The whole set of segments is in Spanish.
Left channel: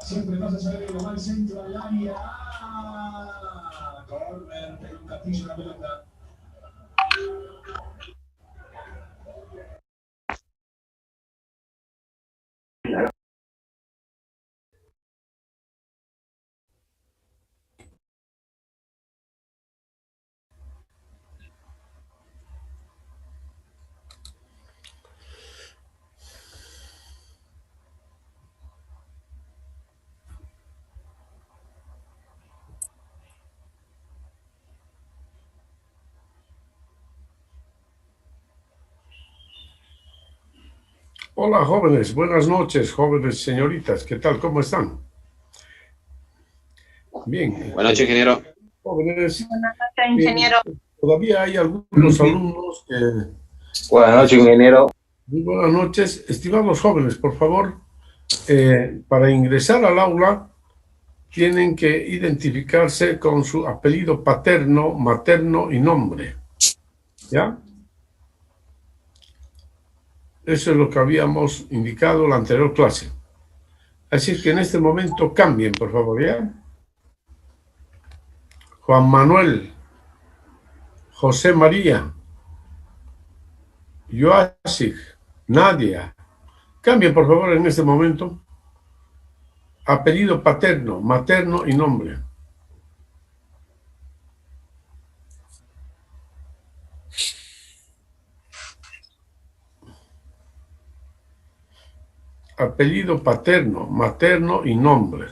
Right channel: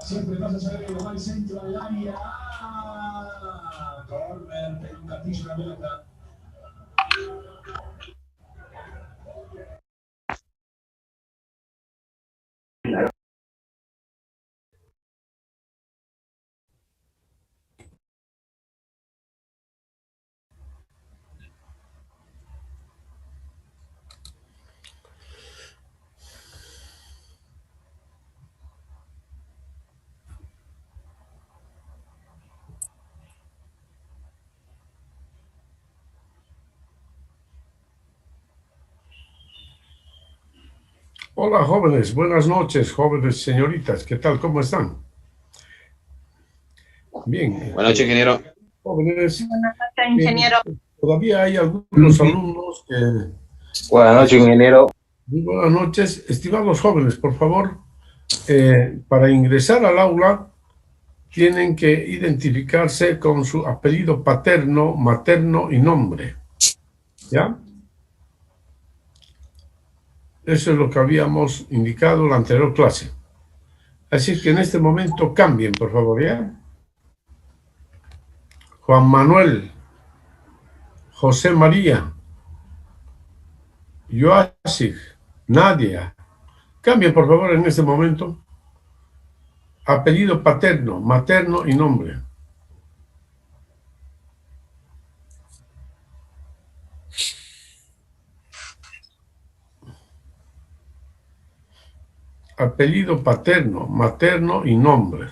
Siempre vas a saber que va al centro del área. ¡Ah! Corner, pero un gatillo la pelota. Hola jóvenes, buenas noches, jóvenes señoritas, ¿qué tal? ¿Cómo están? Bien. Buenas noches, ingeniero. Jóvenes. Buenas noches, ingeniero. Todavía hay algunos alumnos que... Buenas noches, ingeniero. Muy buenas noches. Estimados jóvenes, por favor, para ingresar al aula tienen que identificarse con su apellido paterno, materno y nombre. ¿Ya? Eso es lo que habíamos indicado en la anterior clase. Así que en este momento cambien, por favor, ¿ya? Juan Manuel, José María, Joasig, Nadia. Cambien, por favor, en este momento. Apellido paterno, materno y nombre. Apellido paterno, materno y nombre.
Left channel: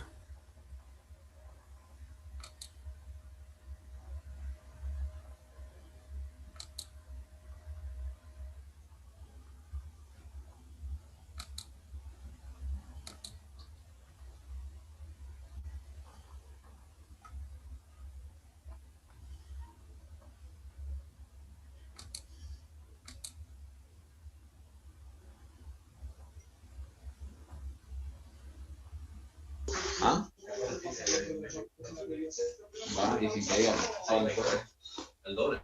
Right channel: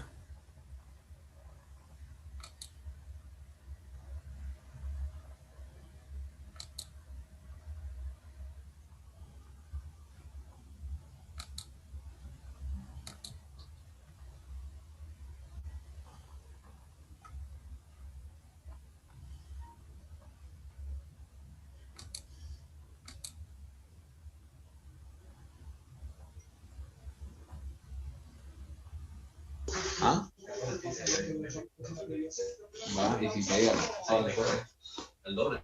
¿Ah? Va, y si caía, ¿saben después? El doble.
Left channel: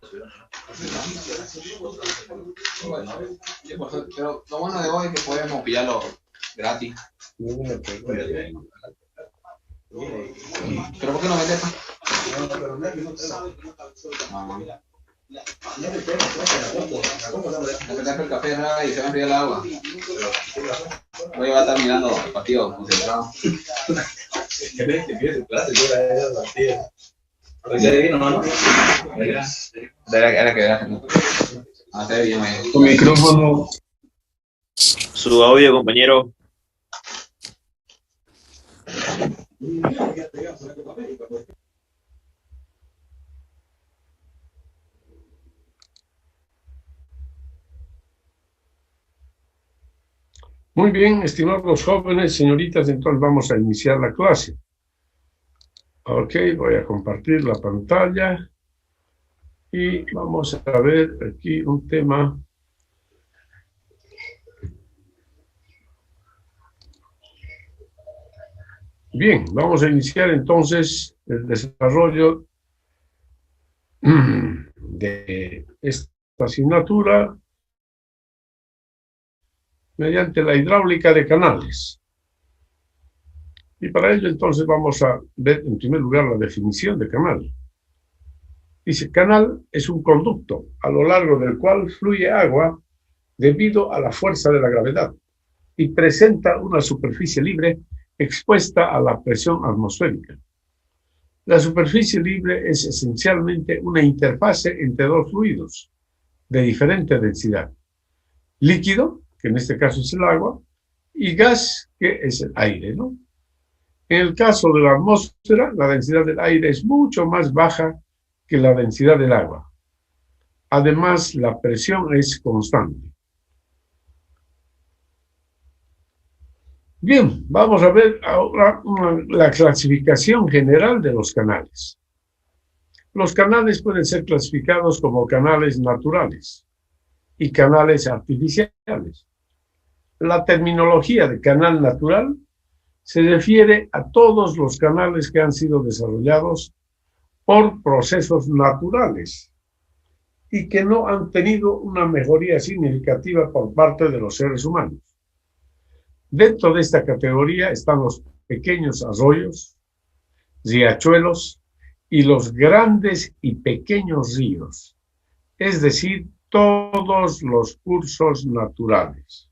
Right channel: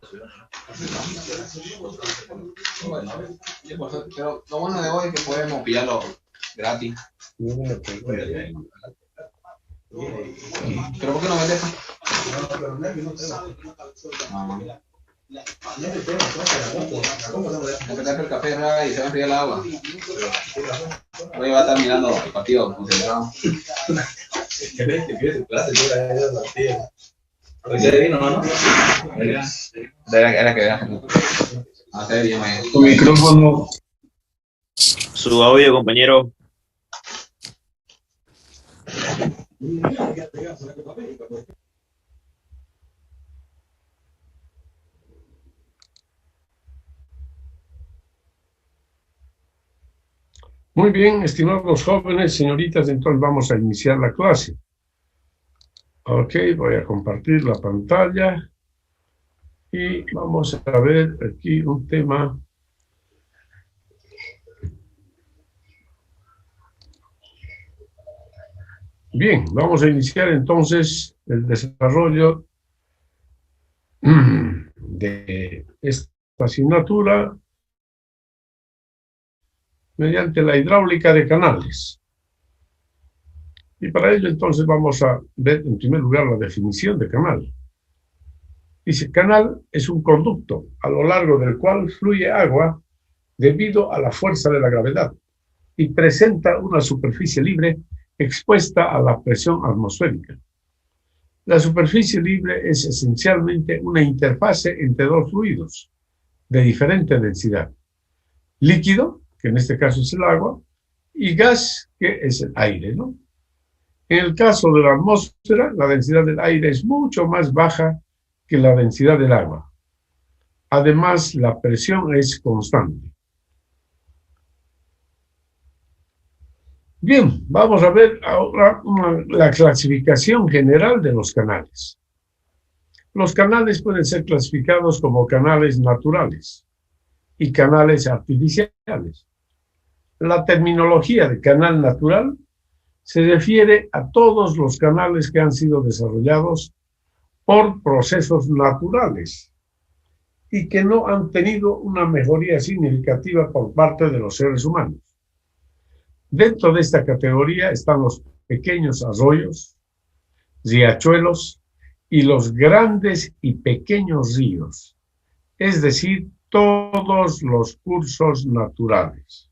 Pero lo bueno de hoy es que podemos pillarlo gratis. ¿Pero por qué no vendes? El café y se va a enfriar el agua. Hoy va a estar mirando el partido concentrado. ¿Qué pides en clase? Yo la he dado partido. Hoy se vino, ¿no? Era que era. Hace bien, tu micrófono. Su audio, compañero. Muy bien, estimados jóvenes, señoritas, entonces vamos a iniciar la clase. Ok, voy a compartir la pantalla y vamos a ver aquí un tema. Bien, vamos a iniciar entonces el desarrollo de esta asignatura mediante la hidráulica de canales. Y para ello entonces vamos a ver en primer lugar la definición de canal. Dice, canal es un conducto a lo largo del cual fluye agua debido a la fuerza de la gravedad y presenta una superficie libre expuesta a la presión atmosférica. La superficie libre es esencialmente una interfase entre dos fluidos de diferente densidad. Líquido, que en este caso es el agua, y gas, que es el aire, ¿no? En el caso de la atmósfera, la densidad del aire es mucho más baja que la densidad del agua. Además, la presión es constante. Bien, vamos a ver ahora la clasificación general de los canales. Los canales pueden ser clasificados como canales naturales y canales artificiales. La terminología de canal natural se refiere a todos los canales que han sido desarrollados por procesos naturales y que no han tenido una mejoría significativa por parte de los seres humanos. Dentro de esta categoría están los pequeños arroyos, riachuelos y los grandes y pequeños ríos, es decir, todos los cursos naturales.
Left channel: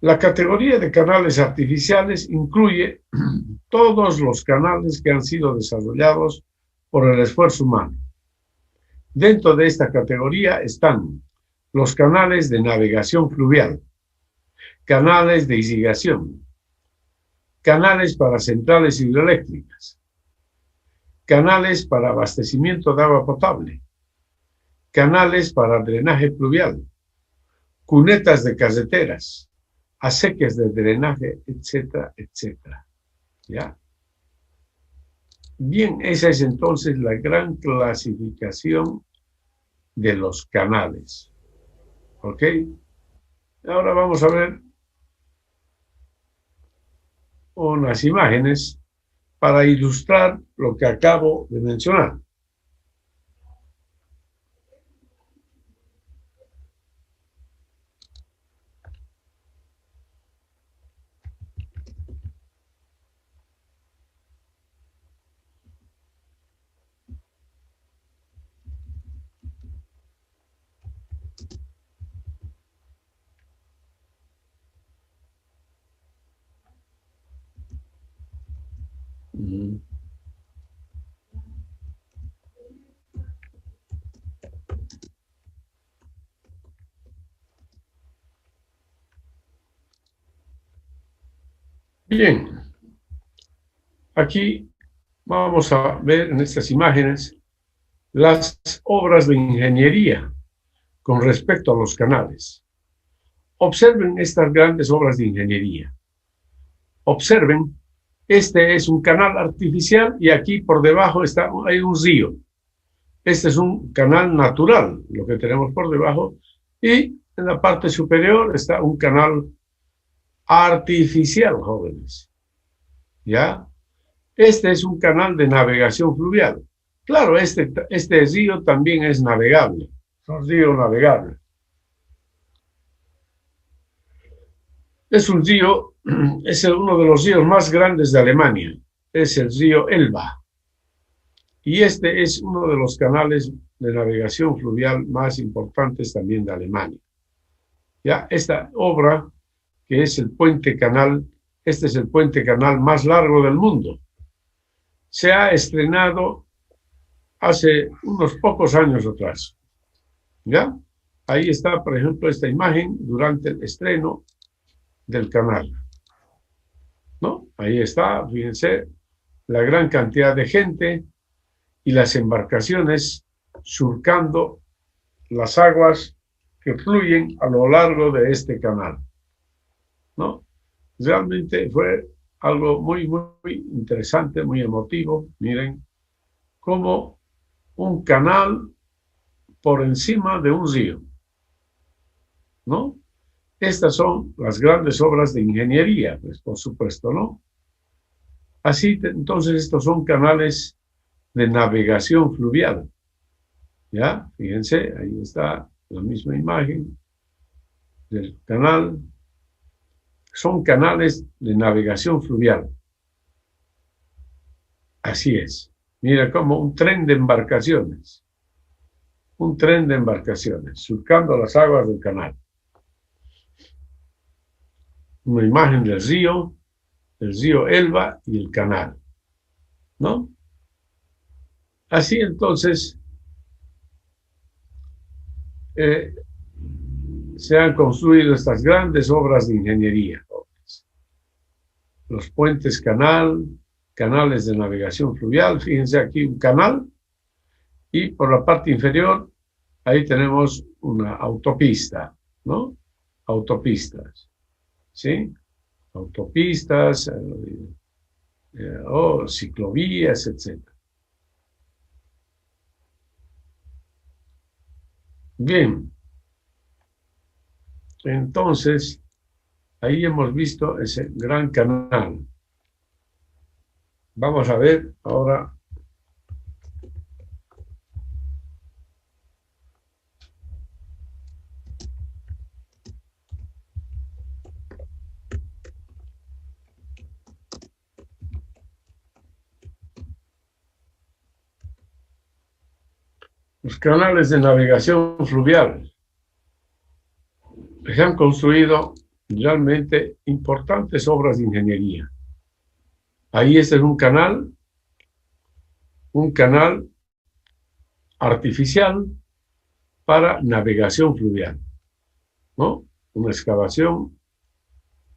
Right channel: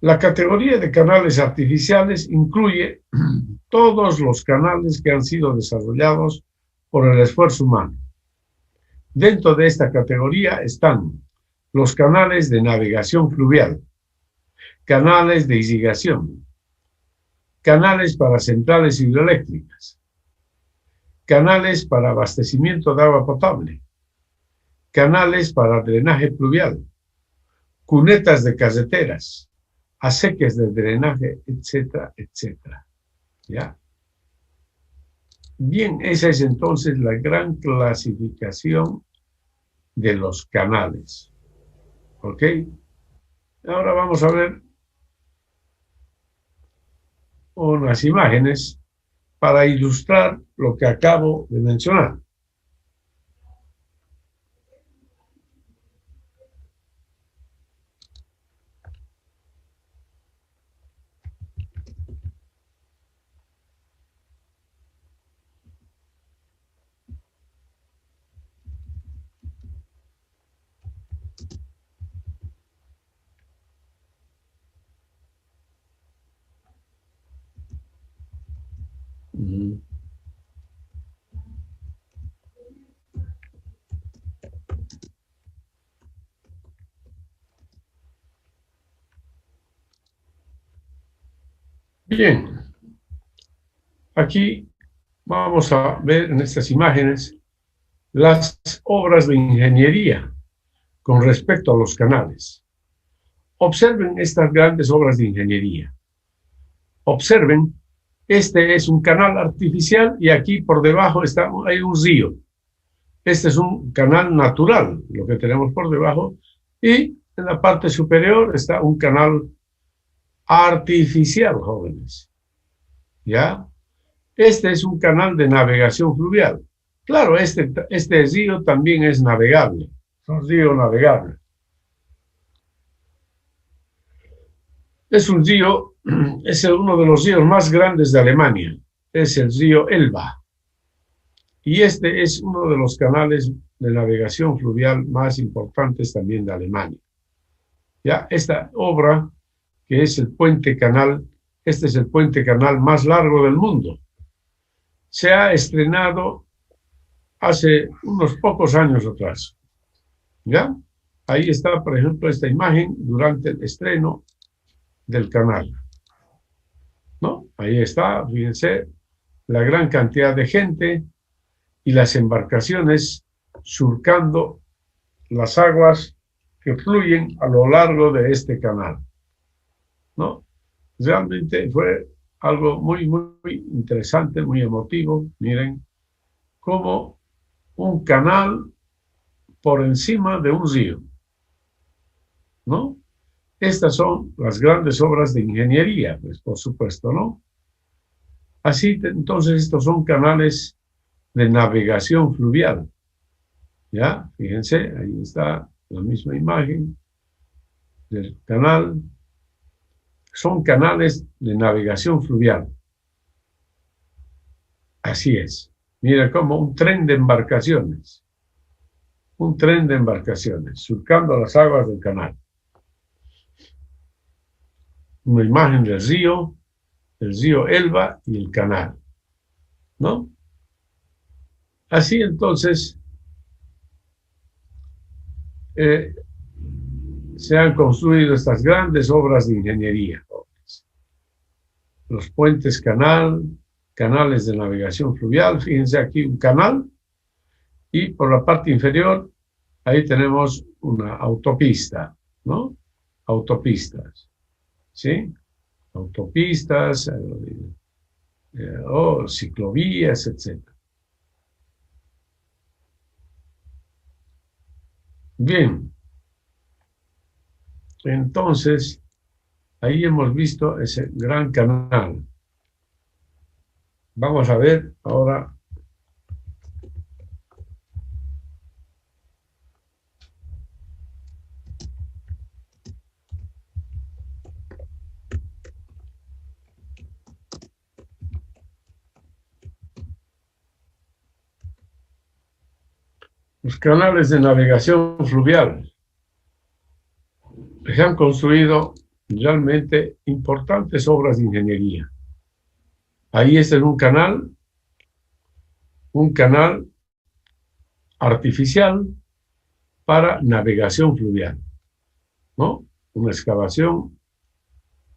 La categoría de canales artificiales incluye todos los canales que han sido desarrollados por el esfuerzo humano. Dentro de esta categoría están los canales de navegación fluvial, canales de irrigación, canales para centrales hidroeléctricas, canales para abastecimiento de agua potable, canales para drenaje pluvial, cunetas de carreteras, acequias de drenaje, etcétera, etcétera. ¿Ya? Bien, esa es entonces la gran clasificación de los canales. ¿Ok? Ahora vamos a ver unas imágenes para ilustrar lo que acabo de mencionar. Bien, aquí vamos a ver en estas imágenes las obras de ingeniería con respecto a los canales. Observen estas grandes obras de ingeniería. Observen, este es un canal artificial y aquí por debajo hay un río. Este es un canal natural, lo que tenemos por debajo, y en la parte superior está un canal artificial, jóvenes. ¿Ya? Este es un canal de navegación fluvial. Claro, este río también es navegable, es un río navegable. Es un río, es uno de los ríos más grandes de Alemania, es el río Elba. Y este es uno de los canales de navegación fluvial más importantes también de Alemania. Ya, esta obra, que es el puente canal, este es el puente canal más largo del mundo. Se ha estrenado hace unos pocos años atrás. ¿Ya? Ahí está, por ejemplo, esta imagen durante el estreno del canal. ¿No? Ahí está, fíjense, la gran cantidad de gente y las embarcaciones surcando las aguas que fluyen a lo largo de este canal. ¿No? Realmente fue algo muy, muy interesante, muy emotivo. Miren, como un canal por encima de un río, ¿no? Estas son las grandes obras de ingeniería, pues por supuesto, ¿no? Así, entonces, estos son canales de navegación fluvial. ¿Ya? Fíjense, ahí está la misma imagen del canal. Son canales de navegación fluvial. Así es. Mira, como un tren de embarcaciones. Un tren de embarcaciones, surcando las aguas del canal. Una imagen del río Elba y el canal. ¿No? Así entonces se han construido estas grandes obras de ingeniería. Los puentes canales de navegación fluvial. Fíjense aquí un canal y por la parte inferior ahí tenemos una autopista, ¿no? Autopistas, ¿sí? Autopistas o ciclovías, etc. Bien, entonces ahí hemos visto ese gran canal. Vamos a ver ahora los canales de navegación fluvial. Se han construido realmente importantes obras de ingeniería. Ahí este es un canal artificial para navegación fluvial, ¿no? Una excavación,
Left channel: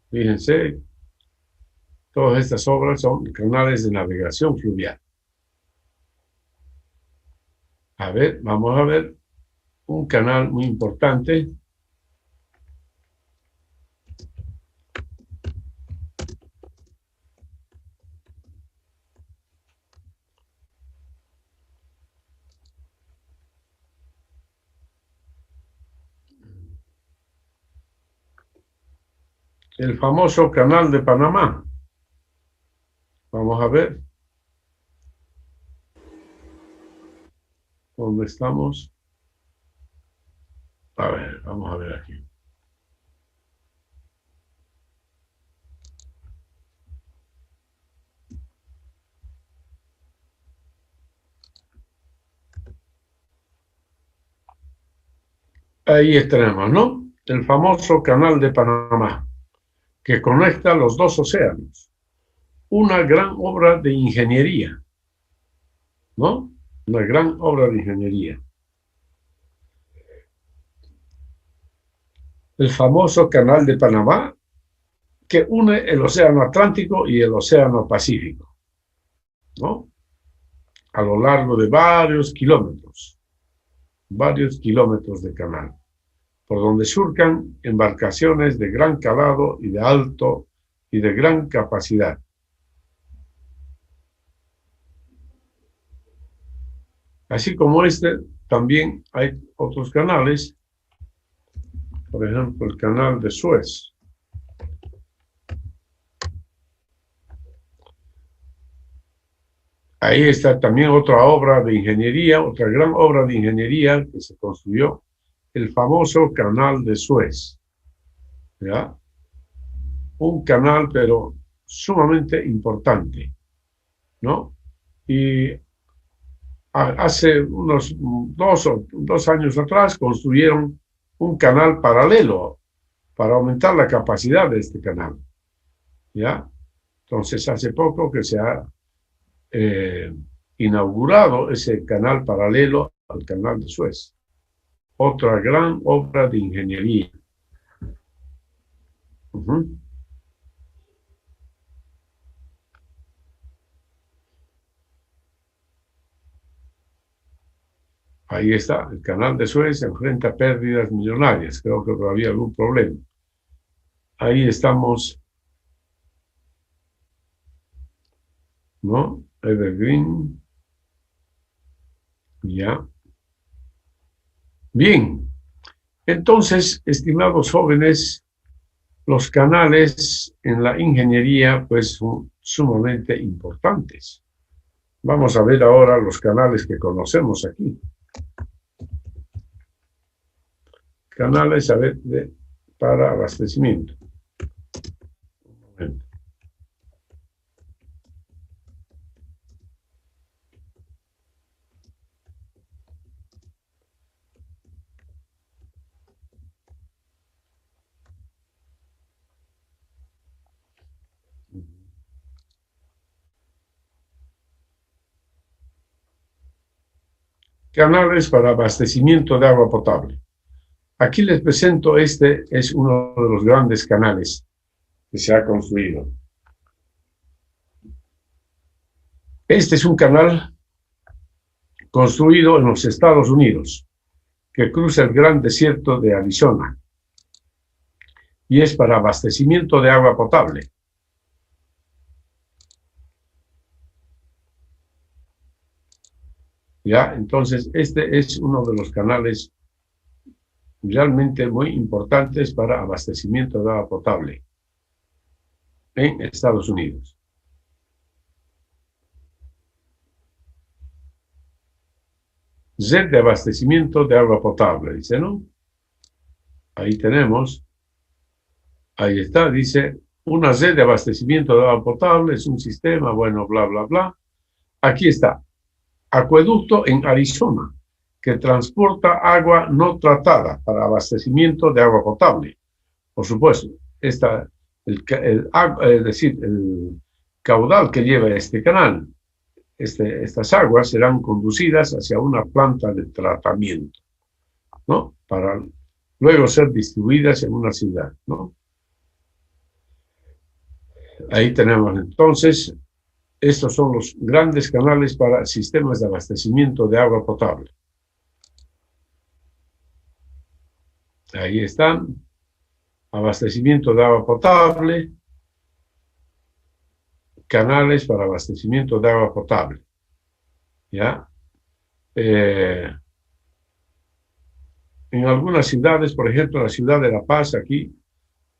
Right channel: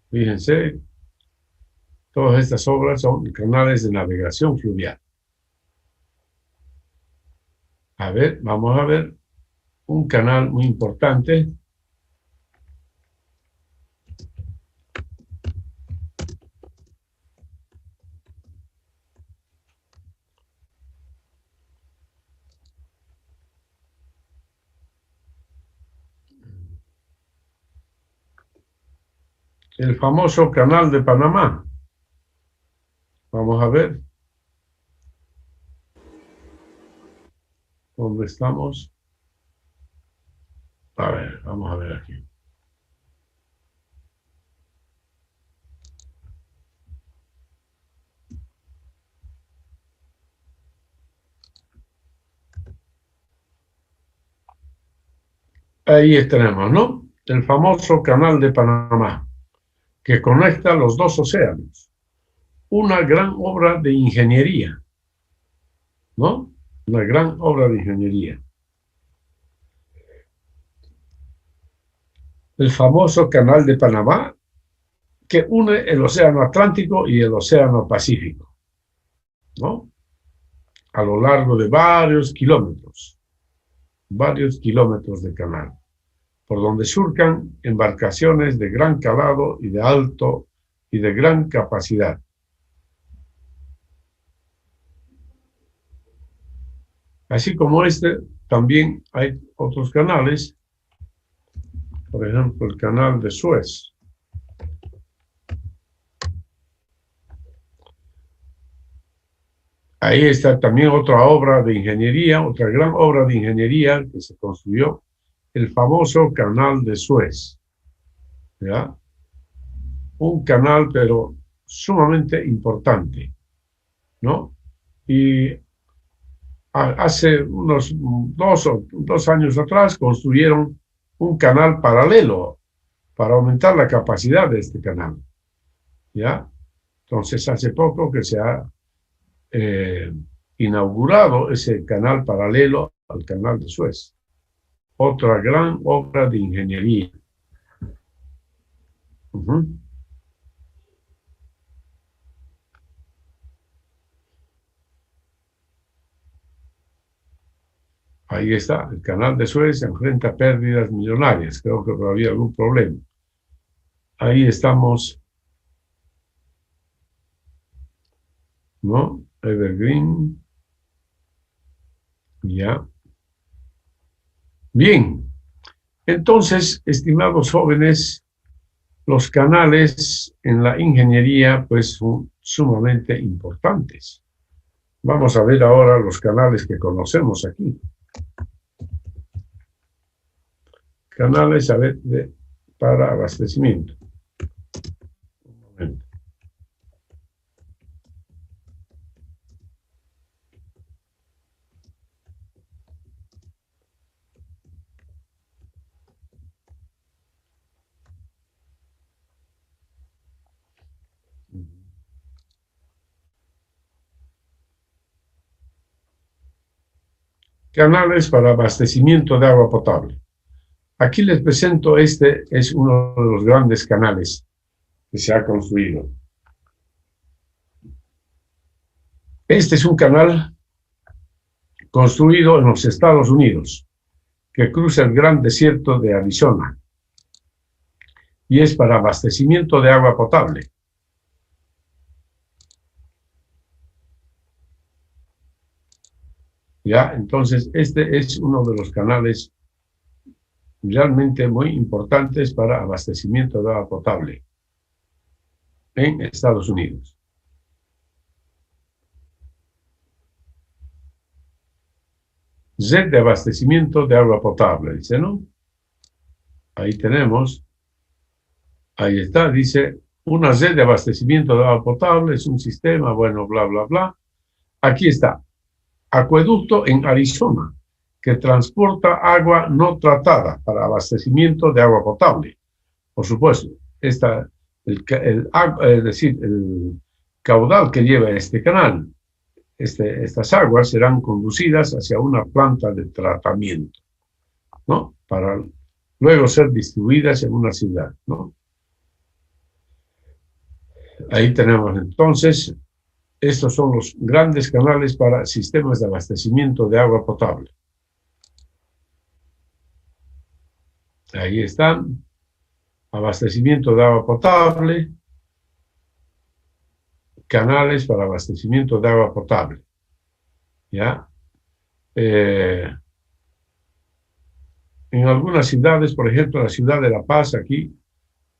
fíjense, todas estas obras son canales de navegación fluvial. A ver, vamos a ver un canal muy importante. El famoso Canal de Panamá. Vamos a ver. ¿Dónde estamos? A ver, vamos a ver aquí. Ahí tenemos, ¿no? El famoso Canal de Panamá, que conecta los dos océanos. Una gran obra de ingeniería, ¿no? Una gran obra de ingeniería. El famoso Canal de Panamá, que une el Océano Atlántico y el Océano Pacífico, ¿no? A lo largo de varios kilómetros de canal, por donde surcan embarcaciones de gran calado y de alto y de gran capacidad. Así como este, también hay otros canales, por ejemplo, el canal de Suez. Ahí está también otra obra de ingeniería, otra gran obra de ingeniería que se construyó, el famoso Canal de Suez. ¿Ya? Un canal, pero sumamente importante, ¿no? Y hace unos dos años atrás construyeron un canal paralelo para aumentar la capacidad de este canal, ¿ya? Entonces, hace poco que se ha inaugurado ese canal paralelo al Canal de Suez. Otra gran obra de ingeniería. Ahí está, el Canal de Suez se enfrenta a pérdidas millonarias. Creo que había algún problema. Ahí estamos, ¿no? Evergreen. Ya. Bien. Entonces, estimados jóvenes, los canales en la ingeniería, pues, son sumamente importantes. Vamos a ver ahora los canales que conocemos aquí. Canales, a ver, para abastecimiento. Un momento. Canales para abastecimiento de agua potable. Aquí les presento, este es uno de los grandes canales que se ha construido. Este es un canal construido en los Estados Unidos, que cruza el gran desierto de Arizona, y es para abastecimiento de agua potable. Ya, entonces este es uno de los canales realmente muy importantes para abastecimiento de agua potable en Estados Unidos. red de abastecimiento de agua potable, dice, ¿no? Ahí tenemos, ahí está, dice, una red de abastecimiento de agua potable es un sistema, bueno, bla, bla, bla. Aquí está, acueducto en Arizona, que transporta agua no tratada para abastecimiento de agua potable. Por supuesto, es decir, el caudal que lleva este canal, estas aguas serán conducidas hacia una planta de tratamiento, ¿no? Para luego ser distribuidas en una ciudad, ¿no? Ahí tenemos entonces, estos son los grandes canales para sistemas de abastecimiento de agua potable. Ahí están, abastecimiento de agua potable, canales para abastecimiento de agua potable. ¿Ya? En algunas ciudades, por ejemplo, la ciudad de La Paz, aquí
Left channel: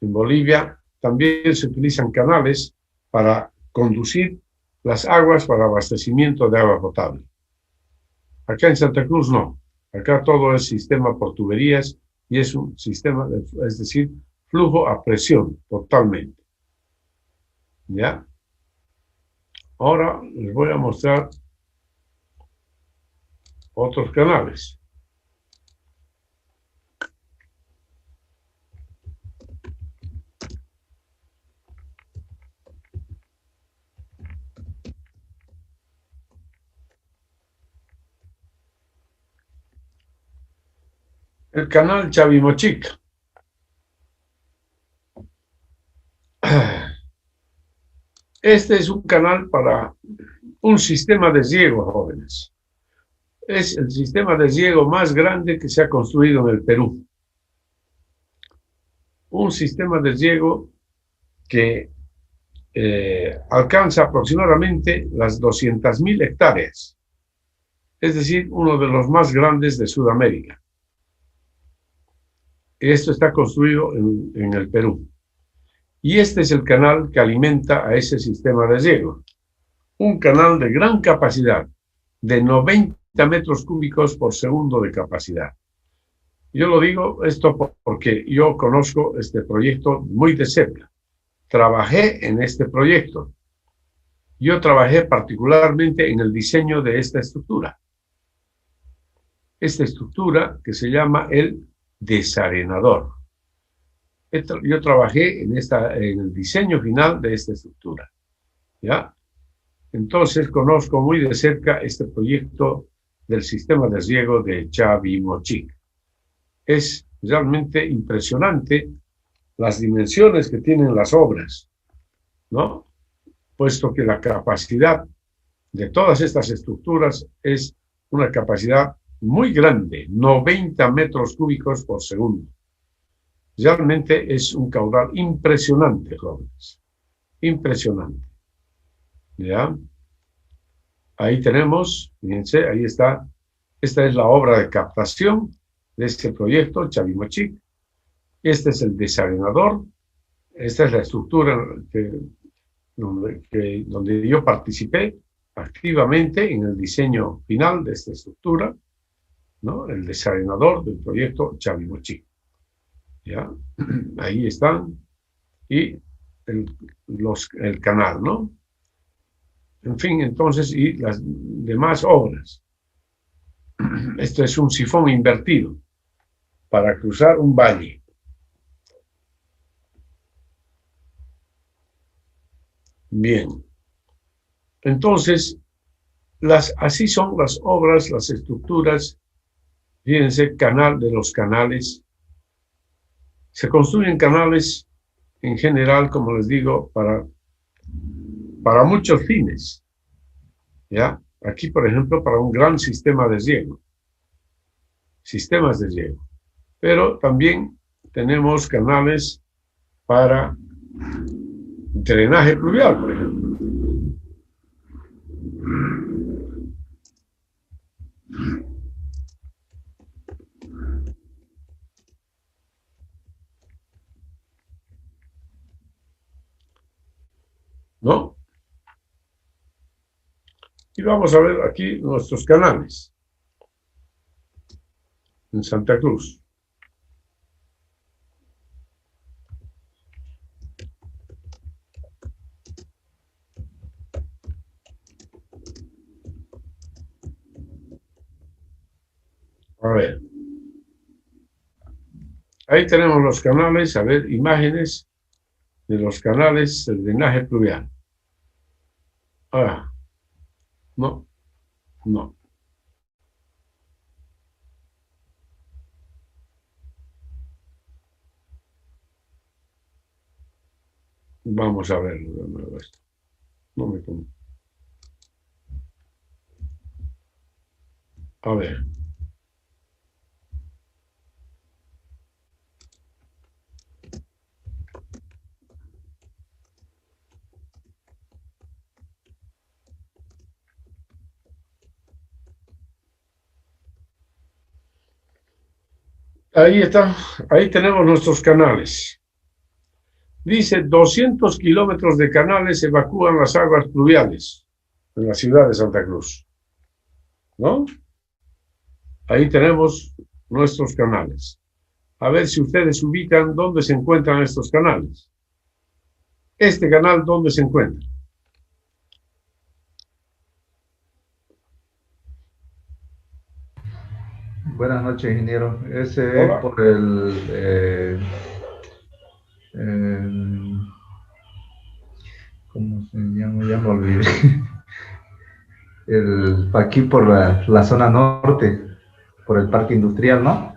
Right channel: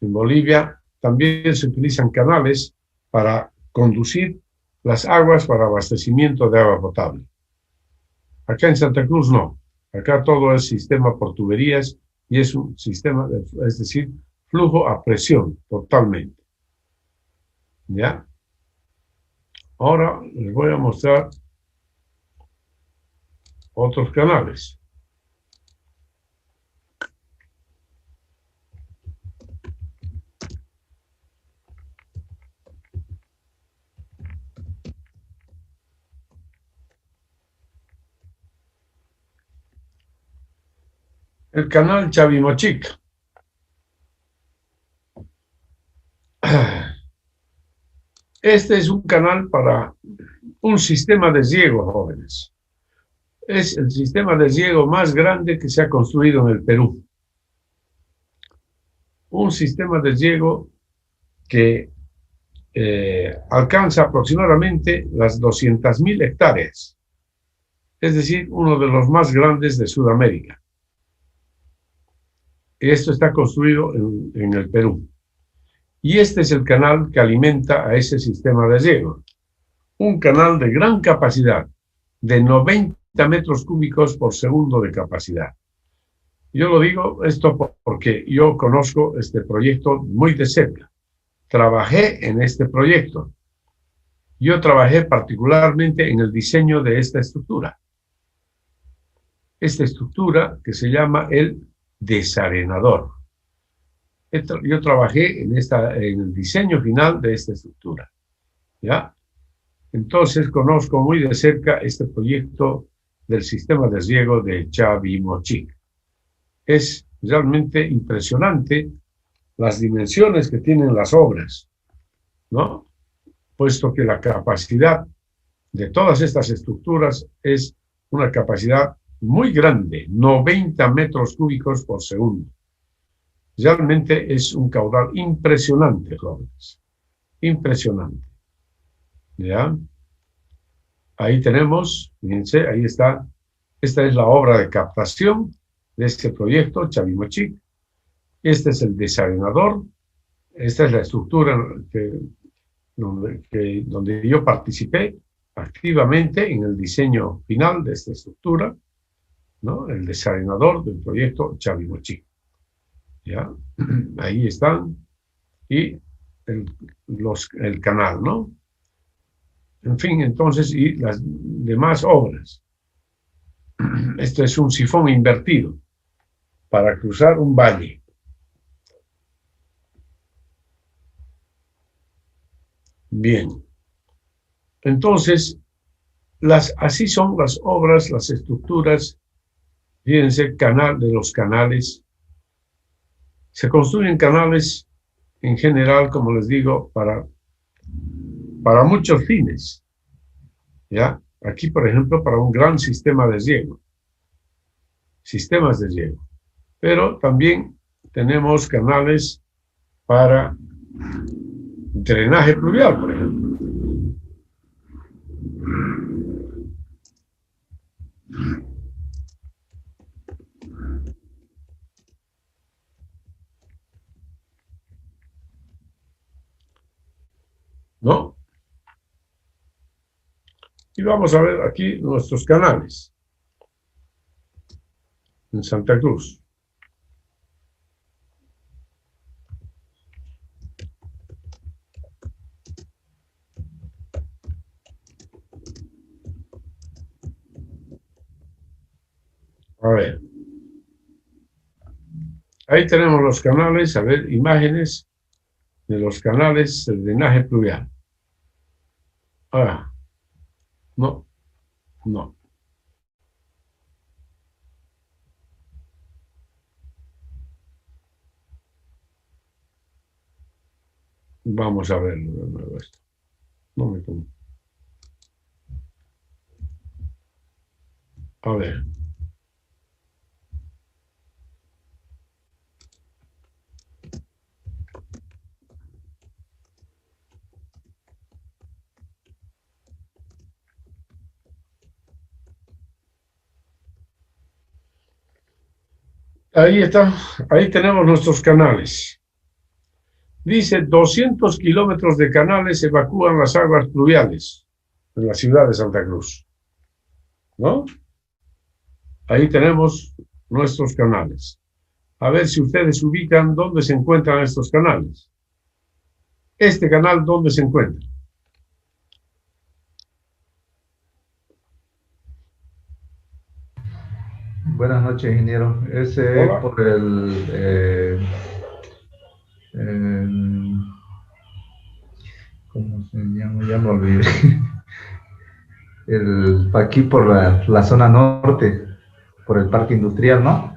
en Bolivia, también se utilizan canales para conducir las aguas para abastecimiento de agua potable. Acá en Santa Cruz no. Acá todo es sistema por tuberías y es un sistema, es decir, flujo a presión totalmente. ¿Ya? Ahora les voy a mostrar otros canales. El canal Chavimochic. Este es un canal para un sistema de riego, jóvenes. Es el sistema de riego más grande que se ha construido en el Perú. Un sistema de riego que alcanza aproximadamente las 200.000 hectáreas. Es decir, uno de los más grandes de Sudamérica. Esto está construido en el Perú. Y este es el canal que alimenta a ese sistema de riego. Un canal de gran capacidad, de 90 metros cúbicos por segundo de capacidad. Yo lo digo esto porque yo conozco este proyecto muy de cerca. Trabajé en este proyecto. Yo trabajé particularmente en el diseño de esta estructura. Esta estructura que se llama el desarenador. Yo trabajé en el diseño final de esta estructura. ¿Ya? Entonces conozco muy de cerca este proyecto del sistema de riego de Chavimochic. Es realmente impresionante las dimensiones que tienen las obras, ¿no? Puesto que la capacidad de todas estas estructuras es una capacidad muy grande, 90 metros cúbicos por segundo. Realmente es un caudal impresionante, jóvenes. Impresionante. ¿Ya? Ahí tenemos, fíjense, ahí está. Esta es la obra de captación de este proyecto, Chavimochic. Este es el desarenador. Esta es la estructura donde yo participé activamente en el diseño final de esta estructura, ¿no? El desarenador del proyecto Chavimochic. ¿Ya? Ahí están. Y el canal, ¿no? En fin, entonces, y las demás obras. Esto es un sifón invertido para cruzar un valle. Bien. Entonces, así son las obras, las estructuras. Fíjense, canal de los canales. Se construyen canales en general, como les digo, para muchos fines. ¿Ya? Aquí, por ejemplo, para un gran sistema de riego. Sistemas de riego. Pero también tenemos canales para drenaje pluvial, por ejemplo. ¿No? Y vamos a ver aquí nuestros canales. en Santa Cruz. A ver. Ahí tenemos los canales, a ver, imágenes de los canales del drenaje pluvial. Ah, no, no. Vamos a verlo de nuevo esto. No me pongo. A ver. Ahí está, ahí tenemos nuestros canales. Dice 200 kilómetros de canales evacúan las aguas pluviales en la ciudad de Santa Cruz. ¿No? Ahí tenemos nuestros canales. A ver si ustedes ubican dónde se encuentran estos canales. Este canal, ¿dónde se encuentra? Buenas noches, ingeniero. Ese Hola. es por el- ¿cómo se llama? Ya me olvidé. Aquí por la zona norte, por el parque industrial, ¿no?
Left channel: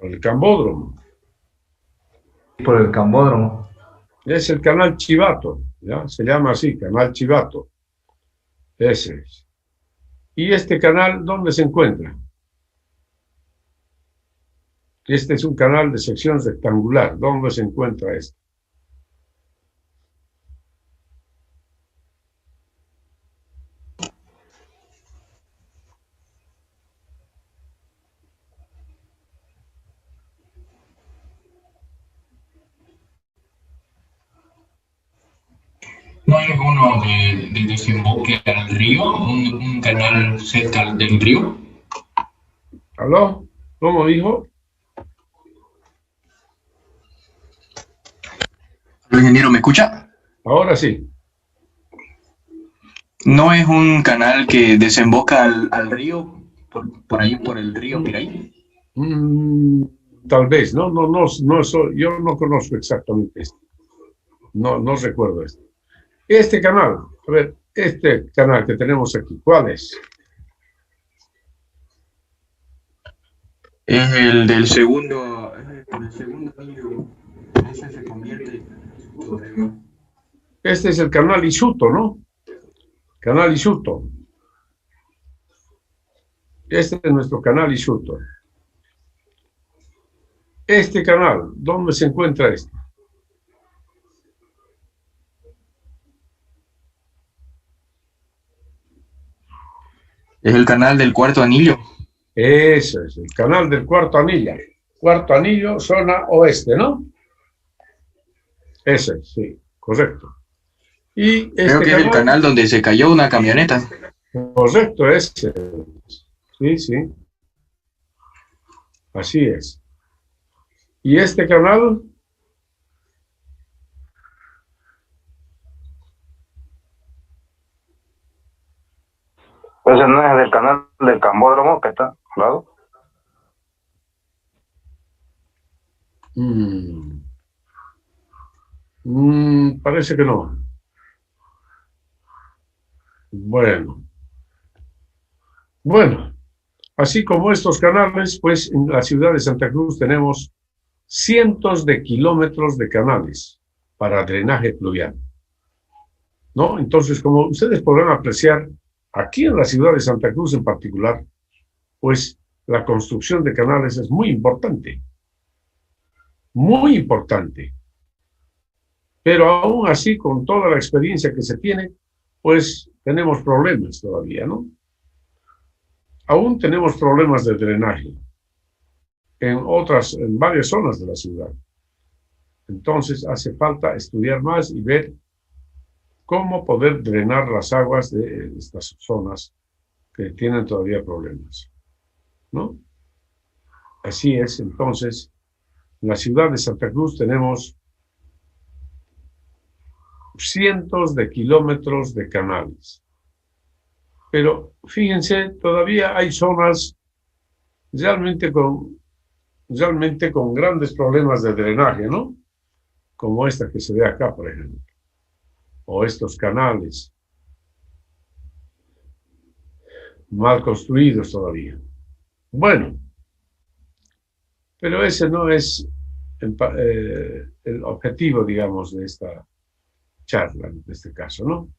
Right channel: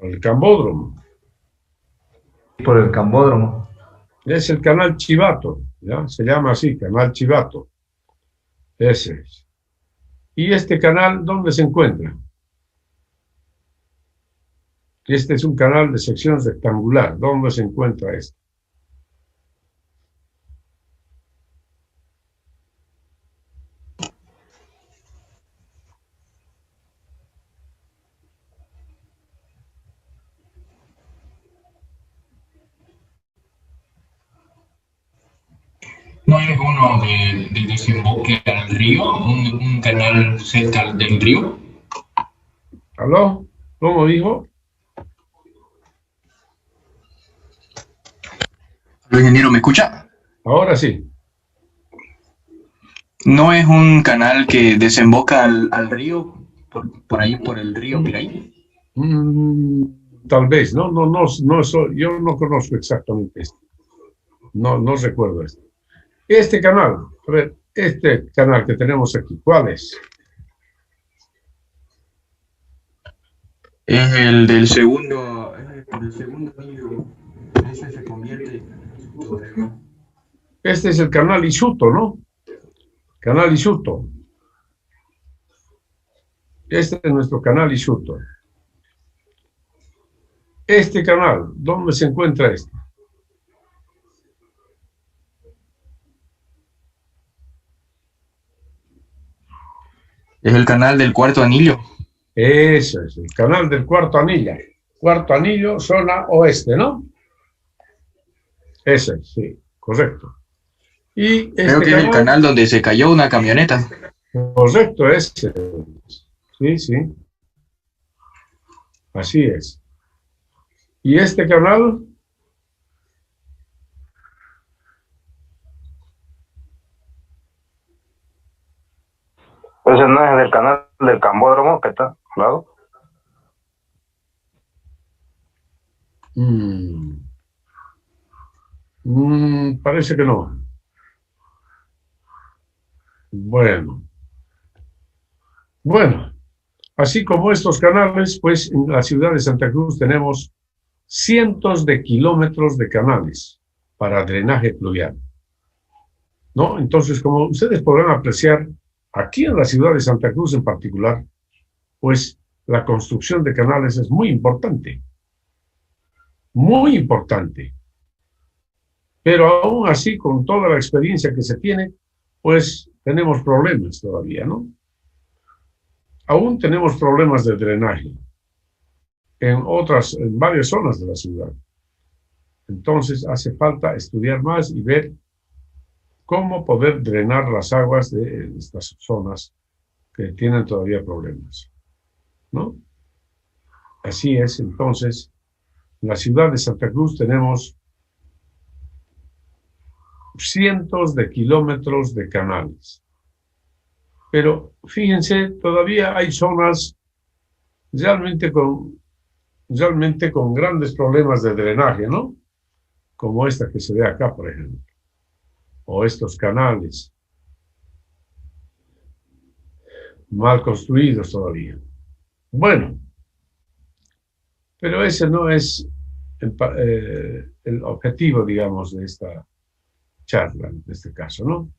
El Cambódromo. Por el Cambódromo. Es el canal Chivato, ¿ya? Se llama así, canal Chivato. Ese es. ¿Y este canal dónde se encuentra? Este es un canal de sección rectangular. ¿Dónde se encuentra este? ¿No hay alguno de desemboque al río? ¿Un canal cerca del río? ¿Aló? ¿Cómo dijo? ¿El ingeniero me escucha? Ahora sí. ¿No es un canal que desemboca al río? Por ahí, por el río Piraí. Tal vez, no, yo no conozco exactamente esto. No recuerdo esto. Este canal, a ver, este canal que tenemos aquí, ¿cuál es? Es el del segundo, por el segundo anillo. Ese se convierte sobre... Este es el canal Isuto, ¿no? Canal Isuto. Este es nuestro canal Isuto. Este canal, ¿dónde se encuentra este? Es el canal del cuarto anillo. Ese es el canal del cuarto anillo. Cuarto anillo, zona oeste, ¿no? Ese, sí, correcto. Y este Creo que es el canal donde se cayó una camioneta. Correcto, ese. Sí, sí. Así es. ¿Y este canal? Ese no es del canal del Cambódromo que está al lado. Parece que no. Bueno, así como estos canales, pues en la ciudad de Santa Cruz tenemos cientos de kilómetros de canales para drenaje pluvial, ¿no? Entonces, como ustedes podrán apreciar, aquí en la ciudad de Santa Cruz en particular, pues la construcción de canales es muy importante. Muy importante. Pero aún así, con toda la experiencia que se tiene, pues tenemos problemas todavía, ¿no? Aún tenemos problemas de drenaje en varias zonas de la ciudad. Entonces hace falta estudiar más y ver cómo poder drenar las aguas de estas zonas que tienen todavía problemas. ¿no? Así es, entonces, en la ciudad de Santa Cruz tenemos cientos de kilómetros de canales. Pero fíjense, todavía hay zonas realmente con grandes problemas de drenaje, ¿no? Como esta que se ve acá, por ejemplo. O estos canales mal construidos todavía. Bueno, pero ese no es el objetivo, digamos, de esta charla, en este caso, ¿no?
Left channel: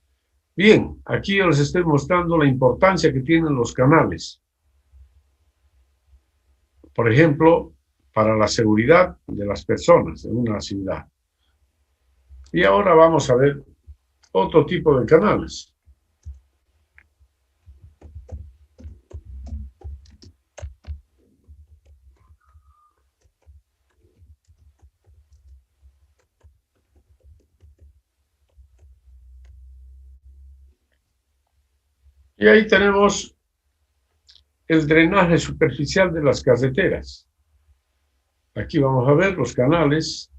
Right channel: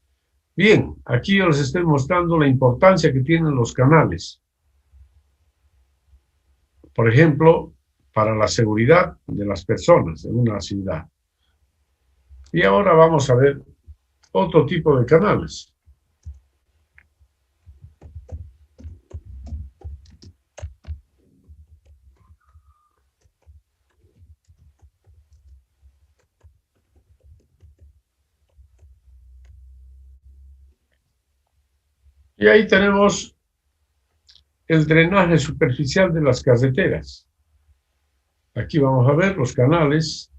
Bien, aquí yo les estoy mostrando la importancia que tienen los canales. Por ejemplo, para la seguridad de las personas en una ciudad. Y ahora vamos a ver otro tipo de canales. Y ahí tenemos el drenaje superficial de las carreteras. Aquí vamos a ver los canales.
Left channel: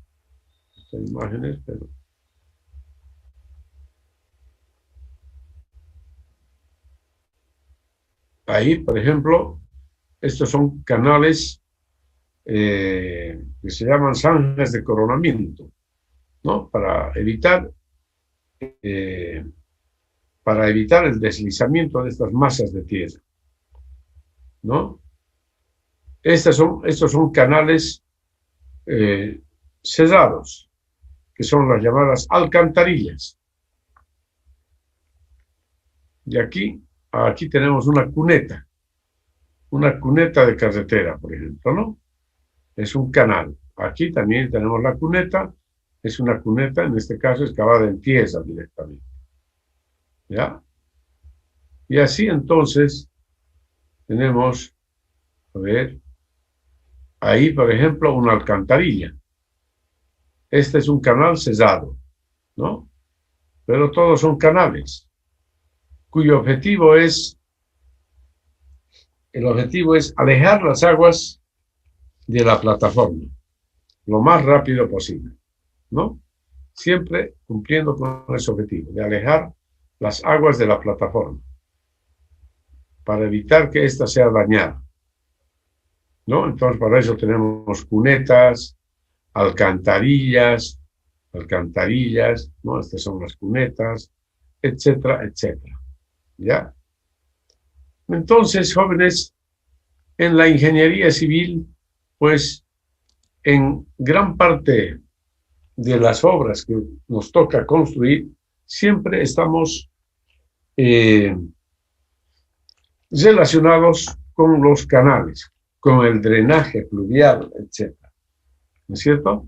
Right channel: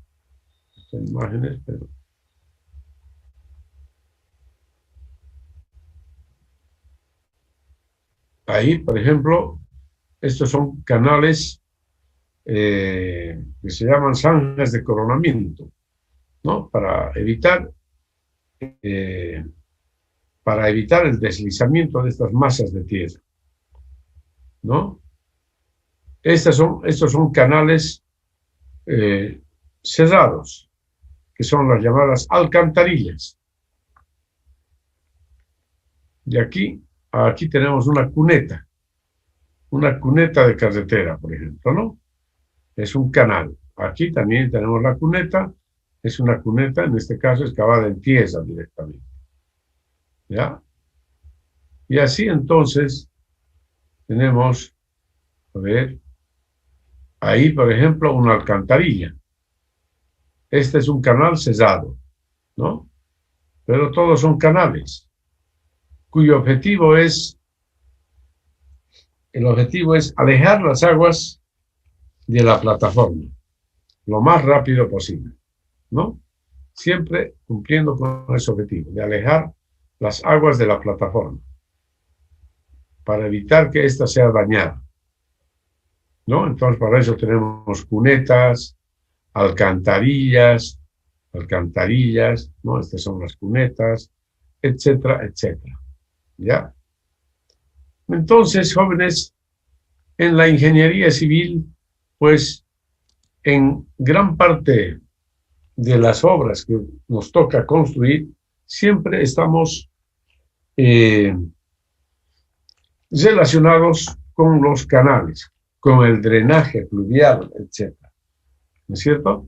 Estas imágenes, pero... Ahí, por ejemplo, estos son canales que se llaman zanjas de coronamiento, ¿no? Para evitar el deslizamiento de estas masas de tierra, ¿no? Estos son canales cerrados, que son las llamadas alcantarillas. Y aquí tenemos una cuneta de carretera, por ejemplo, ¿no? Es un canal. Aquí también tenemos la cuneta, es una cuneta, en este caso excavada en tierra directamente. ¿Ya? Y así entonces tenemos, a ver, ahí por ejemplo una alcantarilla. Este es un canal cerrado, ¿no? Pero todos son canales, cuyo objetivo es alejar las aguas de la plataforma lo más rápido posible, ¿no? Siempre cumpliendo con ese objetivo, de alejar las aguas de la plataforma, para evitar que ésta sea dañada, ¿no? Entonces, para eso tenemos cunetas, alcantarillas, ¿no? Estas son las cunetas, etcétera, etcétera, ¿ya? Entonces, jóvenes, en la ingeniería civil, pues, en gran parte de las obras que nos toca construir, siempre estamos relacionados con los canales, con el drenaje fluvial, etc. ¿No es cierto?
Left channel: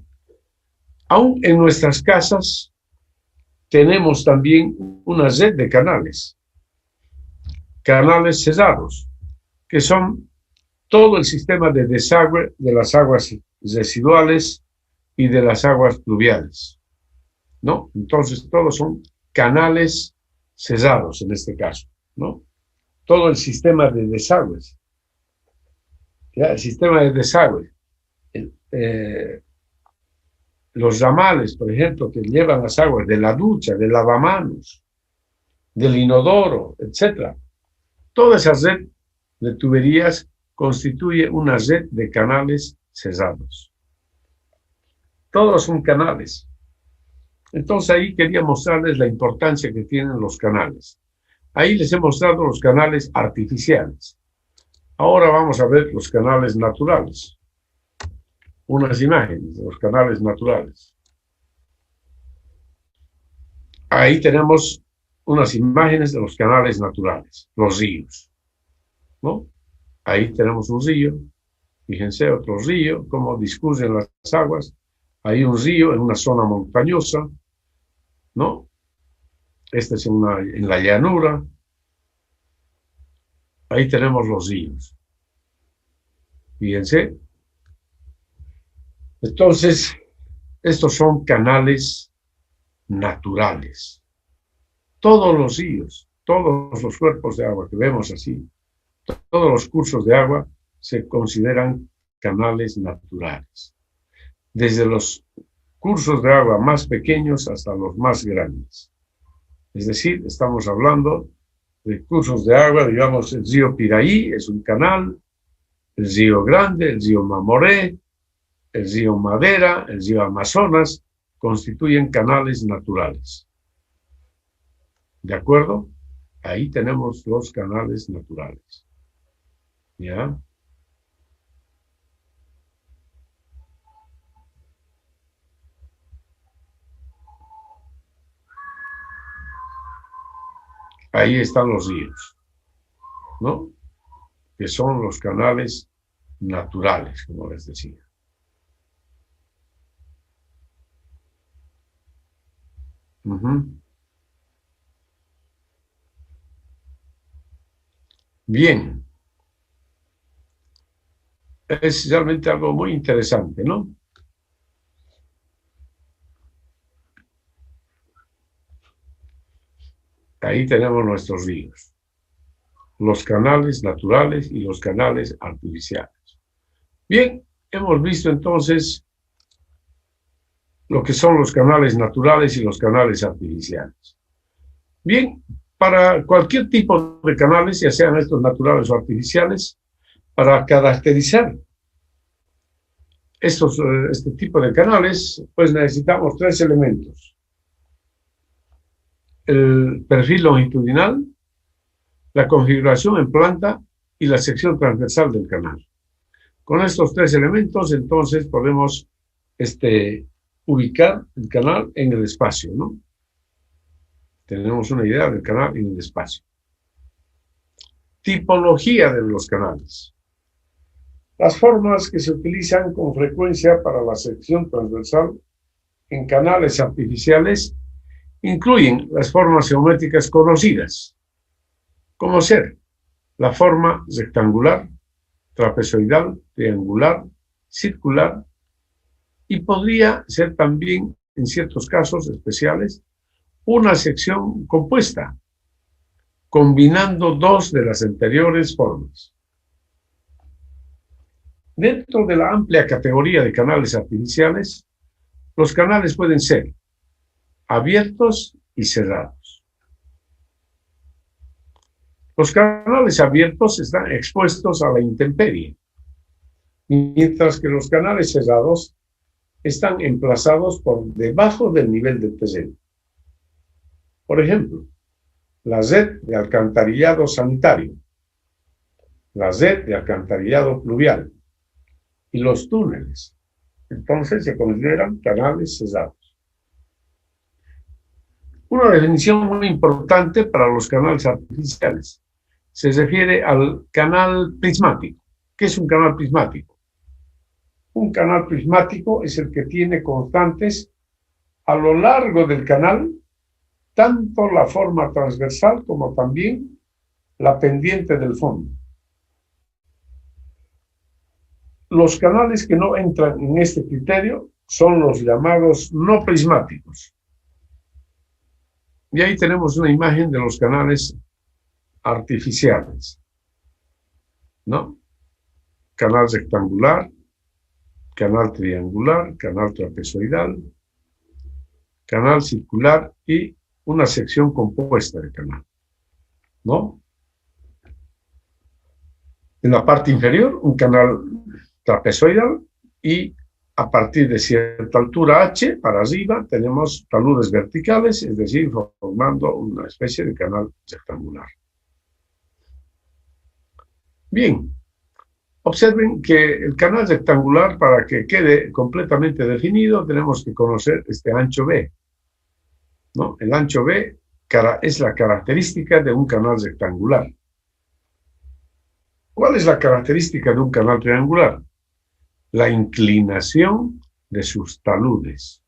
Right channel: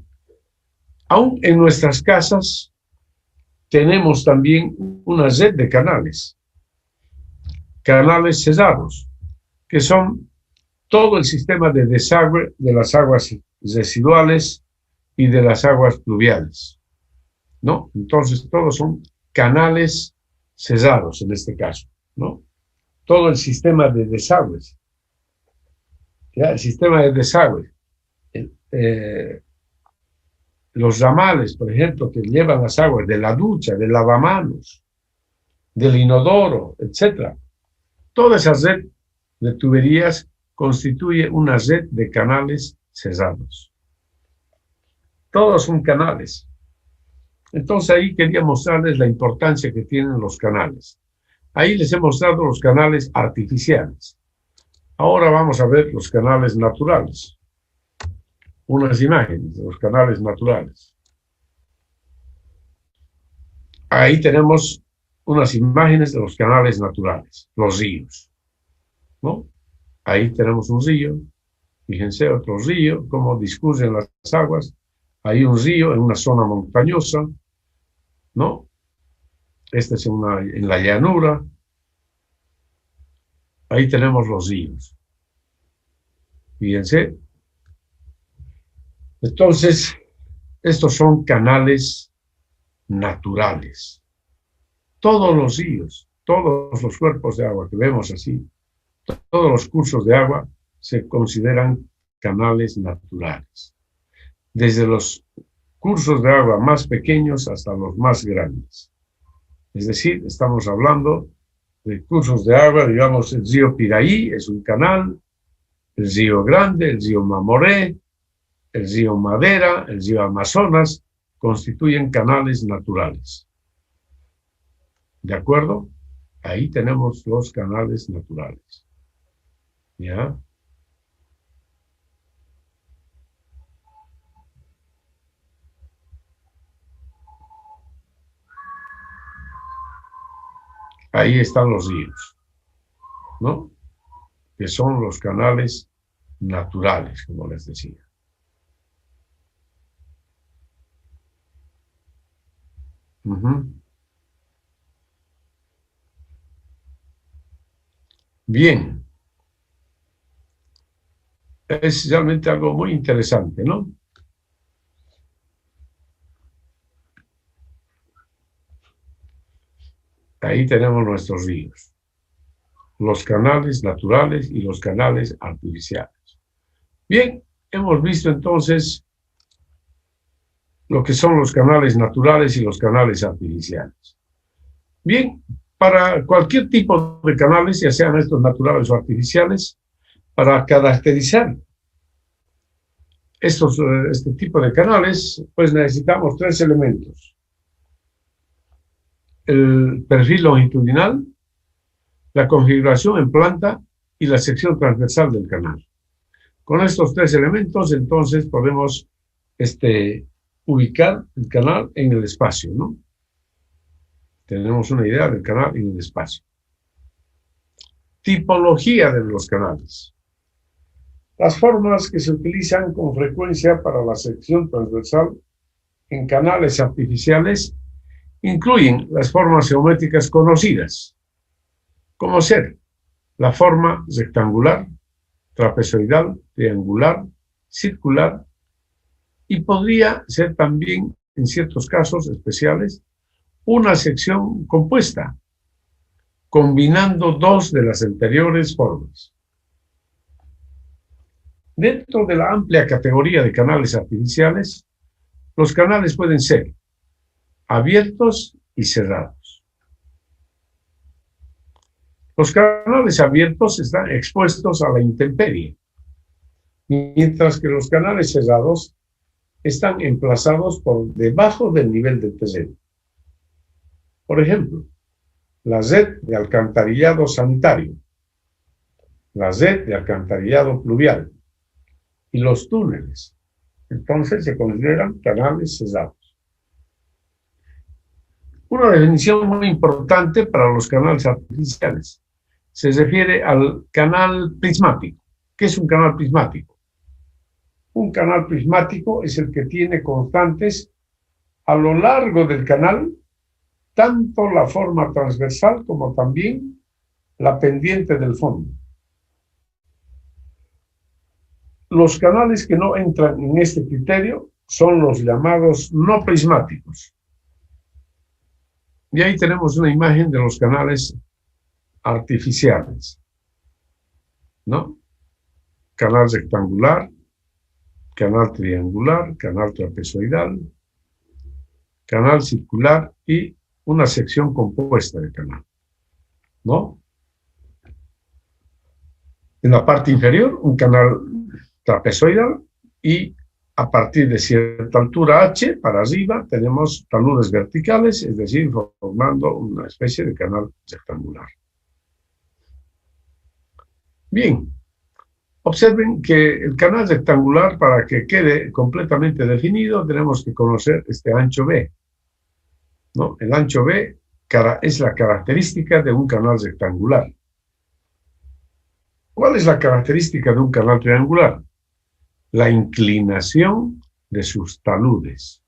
Aún en nuestras casas tenemos también una red de canales cerrados, que son todo el sistema de desagüe de las aguas residuales y de las aguas pluviales, ¿no? Entonces, todos son canales cerrados en este caso, ¿no? Todo el sistema de desagües, ¿ya? El sistema de desagüe, los ramales, por ejemplo, que llevan las aguas de la ducha, del lavamanos, del inodoro, etc. Toda esa red de tuberías constituye una red de canales cerrados. Todos son canales. Entonces ahí quería mostrarles la importancia que tienen los canales. Ahí les he mostrado los canales artificiales. Ahora vamos a ver los canales naturales. Unas imágenes de los canales naturales. Ahí tenemos unas imágenes de los canales naturales, los ríos, ¿no? Ahí tenemos un río, fíjense, otro río, cómo discurren las aguas. Hay un río en una zona montañosa, ¿no? Este es en la llanura. Ahí tenemos los ríos. Fíjense. Entonces, estos son canales naturales. Todos los ríos, todos los cuerpos de agua que vemos así, todos los cursos de agua se consideran canales naturales, desde los cursos de agua más pequeños hasta los más grandes. Es decir, estamos hablando de cursos de agua, digamos, el río Piraí es un canal, el río Grande, el río Mamoré, el río Madera, el río Amazonas, constituyen canales naturales. ¿De acuerdo? Ahí tenemos los canales naturales. ¿Ya? Ahí están los ríos, ¿no? Que son los canales naturales, como les decía. Bien. Es realmente algo muy interesante, ¿no? Ahí tenemos nuestros ríos, los canales naturales y los canales artificiales. Bien, hemos visto entonces lo que son los canales naturales y los canales artificiales. Bien, para cualquier tipo de canales, ya sean estos naturales o artificiales, para caracterizar este tipo de canales, pues necesitamos 3 elementos. El perfil longitudinal, la configuración en planta y la sección transversal del canal. Con estos 3 elementos, entonces, podemos ubicar el canal en el espacio, ¿no? Tenemos una idea del canal en el espacio. Tipología de los canales. Las formas que se utilizan con frecuencia para la sección transversal en canales artificiales incluyen las formas geométricas conocidas, como ser la forma rectangular, trapezoidal, triangular, circular, y podría ser también, en ciertos casos especiales, una sección compuesta, combinando 2 de las anteriores formas. Dentro de la amplia categoría de canales artificiales, los canales pueden ser abiertos y cerrados. Los canales abiertos están expuestos a la intemperie, mientras que los canales cerrados están emplazados por debajo del nivel del terreno. Por ejemplo, la red de alcantarillado sanitario, la red de alcantarillado pluvial y los túneles, entonces se consideran canales cerrados. Una definición muy importante para los canales artificiales se refiere al canal prismático. ¿Qué es un canal prismático? Un canal prismático es el que tiene constantes a lo largo del canal tanto la forma transversal como también la pendiente del fondo. Los canales que no entran en este criterio son los llamados no prismáticos. Y ahí tenemos una imagen de los canales artificiales, ¿no? Canal rectangular, canal triangular, canal trapezoidal, canal circular y una sección compuesta de canal, ¿no? En la parte inferior, un canal trapezoidal y a partir de cierta altura H para arriba tenemos taludes verticales, es decir, formando una especie de canal rectangular. Bien, observen que el canal rectangular, para que quede completamente definido, tenemos que conocer este ancho B, ¿no? El ancho B es la característica de un canal rectangular. ¿Cuál es la característica de un canal triangular? La inclinación de sus taludes.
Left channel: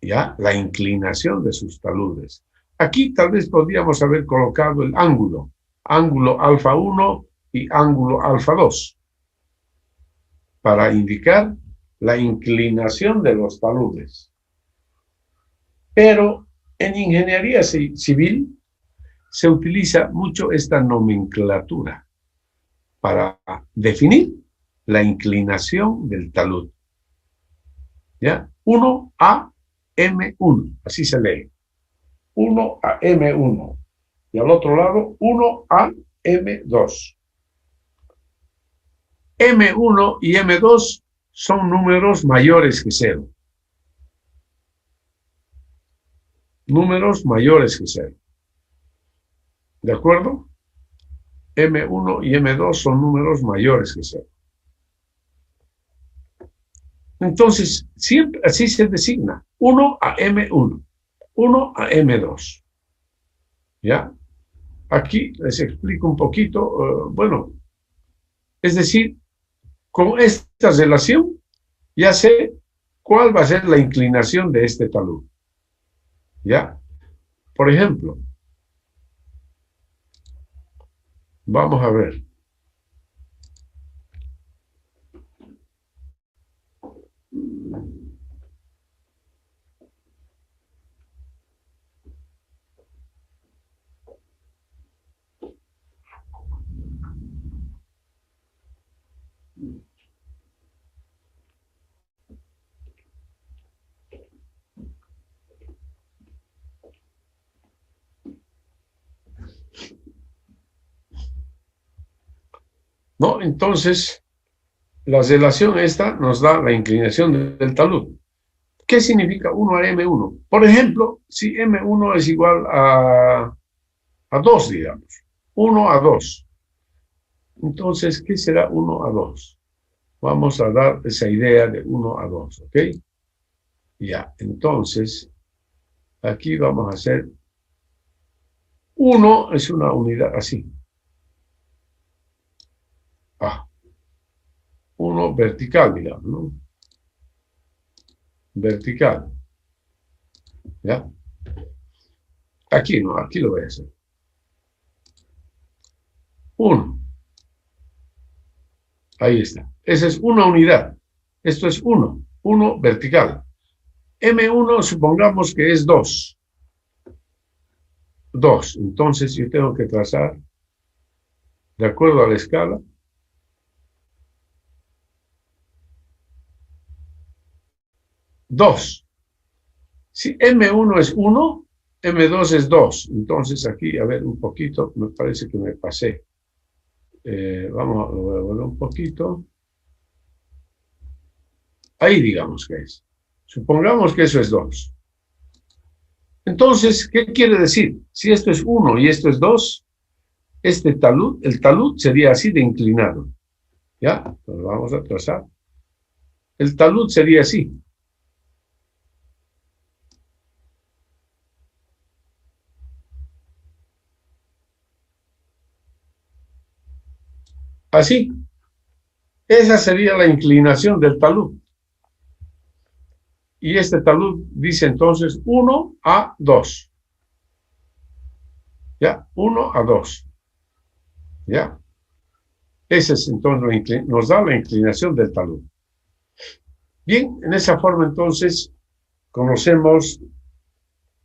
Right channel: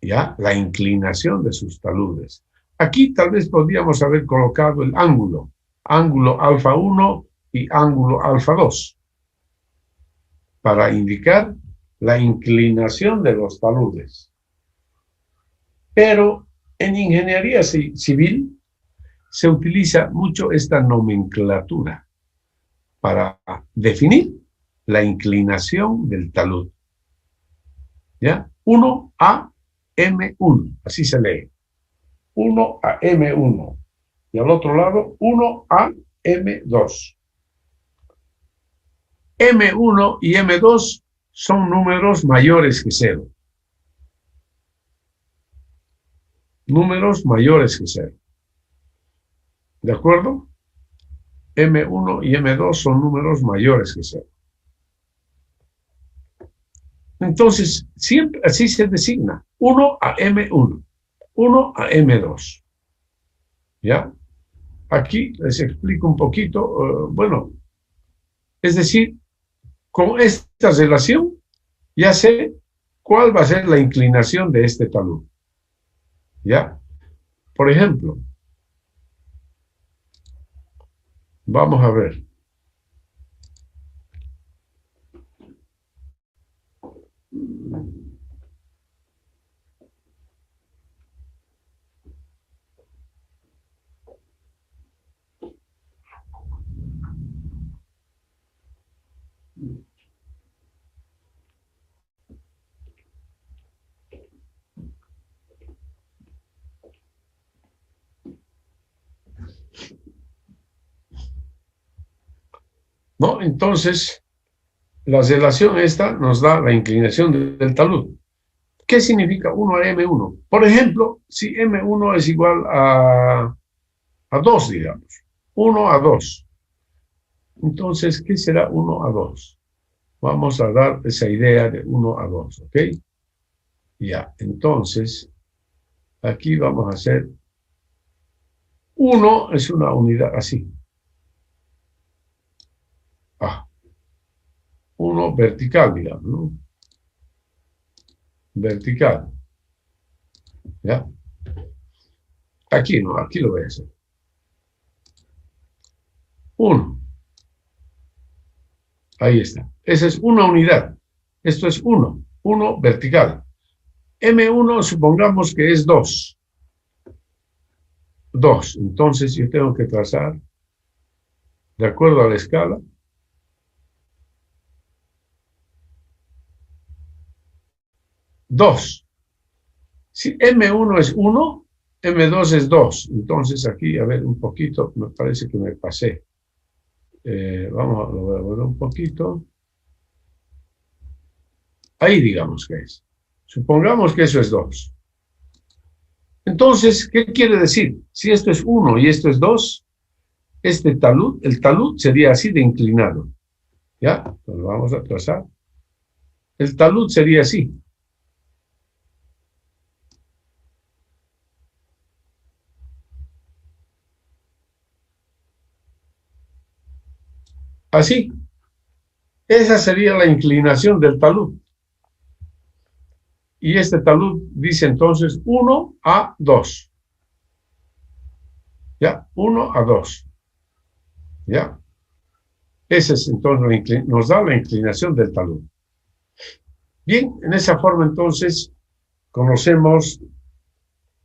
¿Ya? La inclinación de sus taludes. Aquí tal vez podríamos haber colocado el ángulo alfa 1 y ángulo alfa 2, para indicar la inclinación de los taludes. Pero en ingeniería civil se utiliza mucho esta nomenclatura. para definir la inclinación del talud. ¿Ya? 1 a M1, así se lee. 1 a M1. Y al otro lado, 1 a M2. M1 y M2 son números mayores que 0. Números mayores que 0. ¿De acuerdo? M1 y M2 son números mayores que 0. Entonces, siempre así se designa. 1 a M1. 1 a M2. ¿Ya? Aquí les explico un poquito. Bueno, es decir, con esta relación ya sé cuál va a ser la inclinación de este talud. ¿Ya? Por ejemplo, vamos a ver. ¿No? Entonces, la relación esta nos da la inclinación del talud. ¿Qué significa 1 a M1? Por ejemplo, si M1 es igual a 2, digamos. 1 a 2. Entonces, ¿qué será 1 a 2? Vamos a dar esa idea de 1 a 2, ¿ok? Ya, entonces, aquí vamos a hacer 1 es una unidad así. 1 vertical, digamos, ¿no? Vertical. ¿Ya? Aquí no, aquí lo voy a hacer. 1. Ahí está. Esa es una unidad. Esto es 1. 1 vertical. M1 supongamos que es 2. 2. Entonces yo tengo que trazar, de acuerdo a la escala, 2. Si M1 es 1, M2 es 2. Entonces aquí, a ver, un poquito, me parece que me pasé. Vamos a volver un poquito. Ahí digamos que es. Supongamos que eso es 2. Entonces, ¿qué quiere decir? Si esto es 1 y esto es 2, este talud, el talud sería así de inclinado. ¿Ya? Entonces vamos a trazar. El talud sería así. Así. Esa sería la inclinación del talud. Y este talud dice entonces 1 a 2. ¿Ya? 1 a 2. ¿Ya? Ese es entonces, nos da la inclinación del talud. Bien, en esa forma entonces conocemos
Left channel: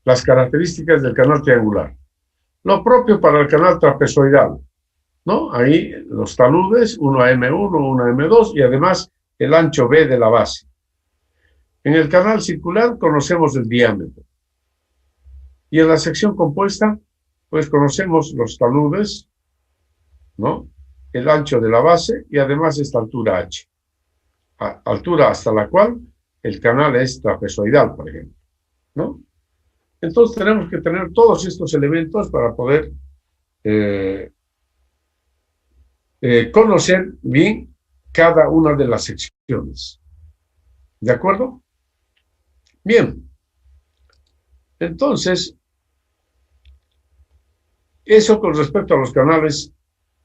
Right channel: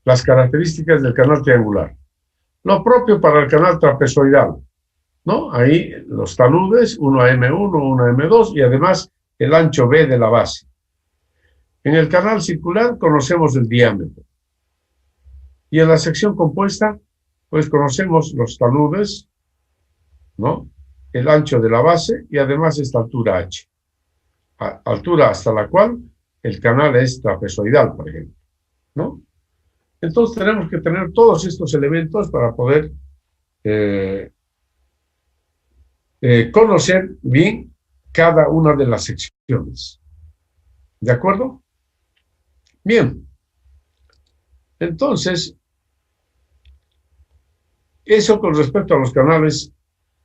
las características del canal triangular. Lo propio para el canal trapezoidal, ¿no? Ahí los taludes, 1 a M1, 1 a M2 y además el ancho B de la base. En el canal circular conocemos el diámetro. Y en la sección compuesta, pues conocemos los taludes, ¿no? El ancho de la base y además esta altura H. Altura hasta la cual el canal es trapezoidal, por ejemplo, ¿no? Entonces tenemos que tener todos estos elementos para poder conocer bien cada una de las secciones. ¿De acuerdo? Bien. Entonces, eso con respecto a los canales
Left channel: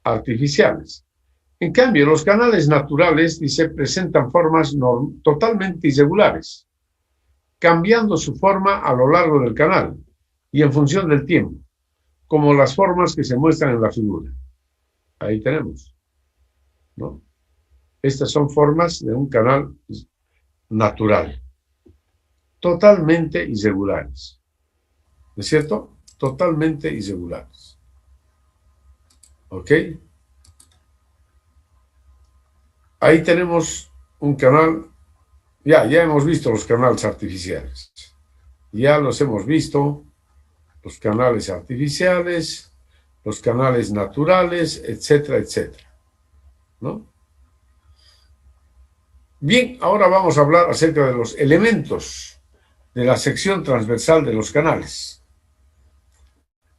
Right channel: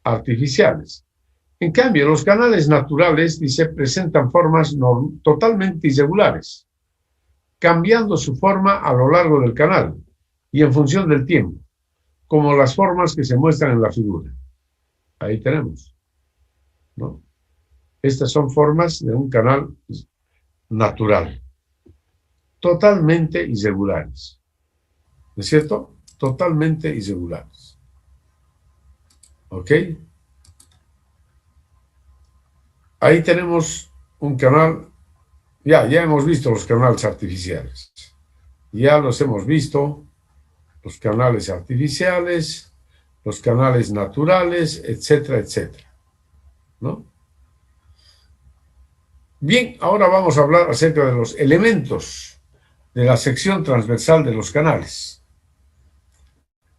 artificiales. En cambio, los canales naturales, dice, presentan formas totalmente irregulares, cambiando su forma a lo largo del canal y en función del tiempo, como las formas que se muestran en la figura. Ahí tenemos, ¿no? Estas son formas de un canal natural, totalmente irregulares. ¿No es cierto? Totalmente irregulares. ¿Ok? ahí tenemos un canal. Ya hemos visto los canales artificiales. Ya los hemos visto, los canales artificiales, los canales naturales, etcétera, etcétera, ¿no? Bien, ahora vamos a hablar acerca de los elementos de la sección transversal de los canales.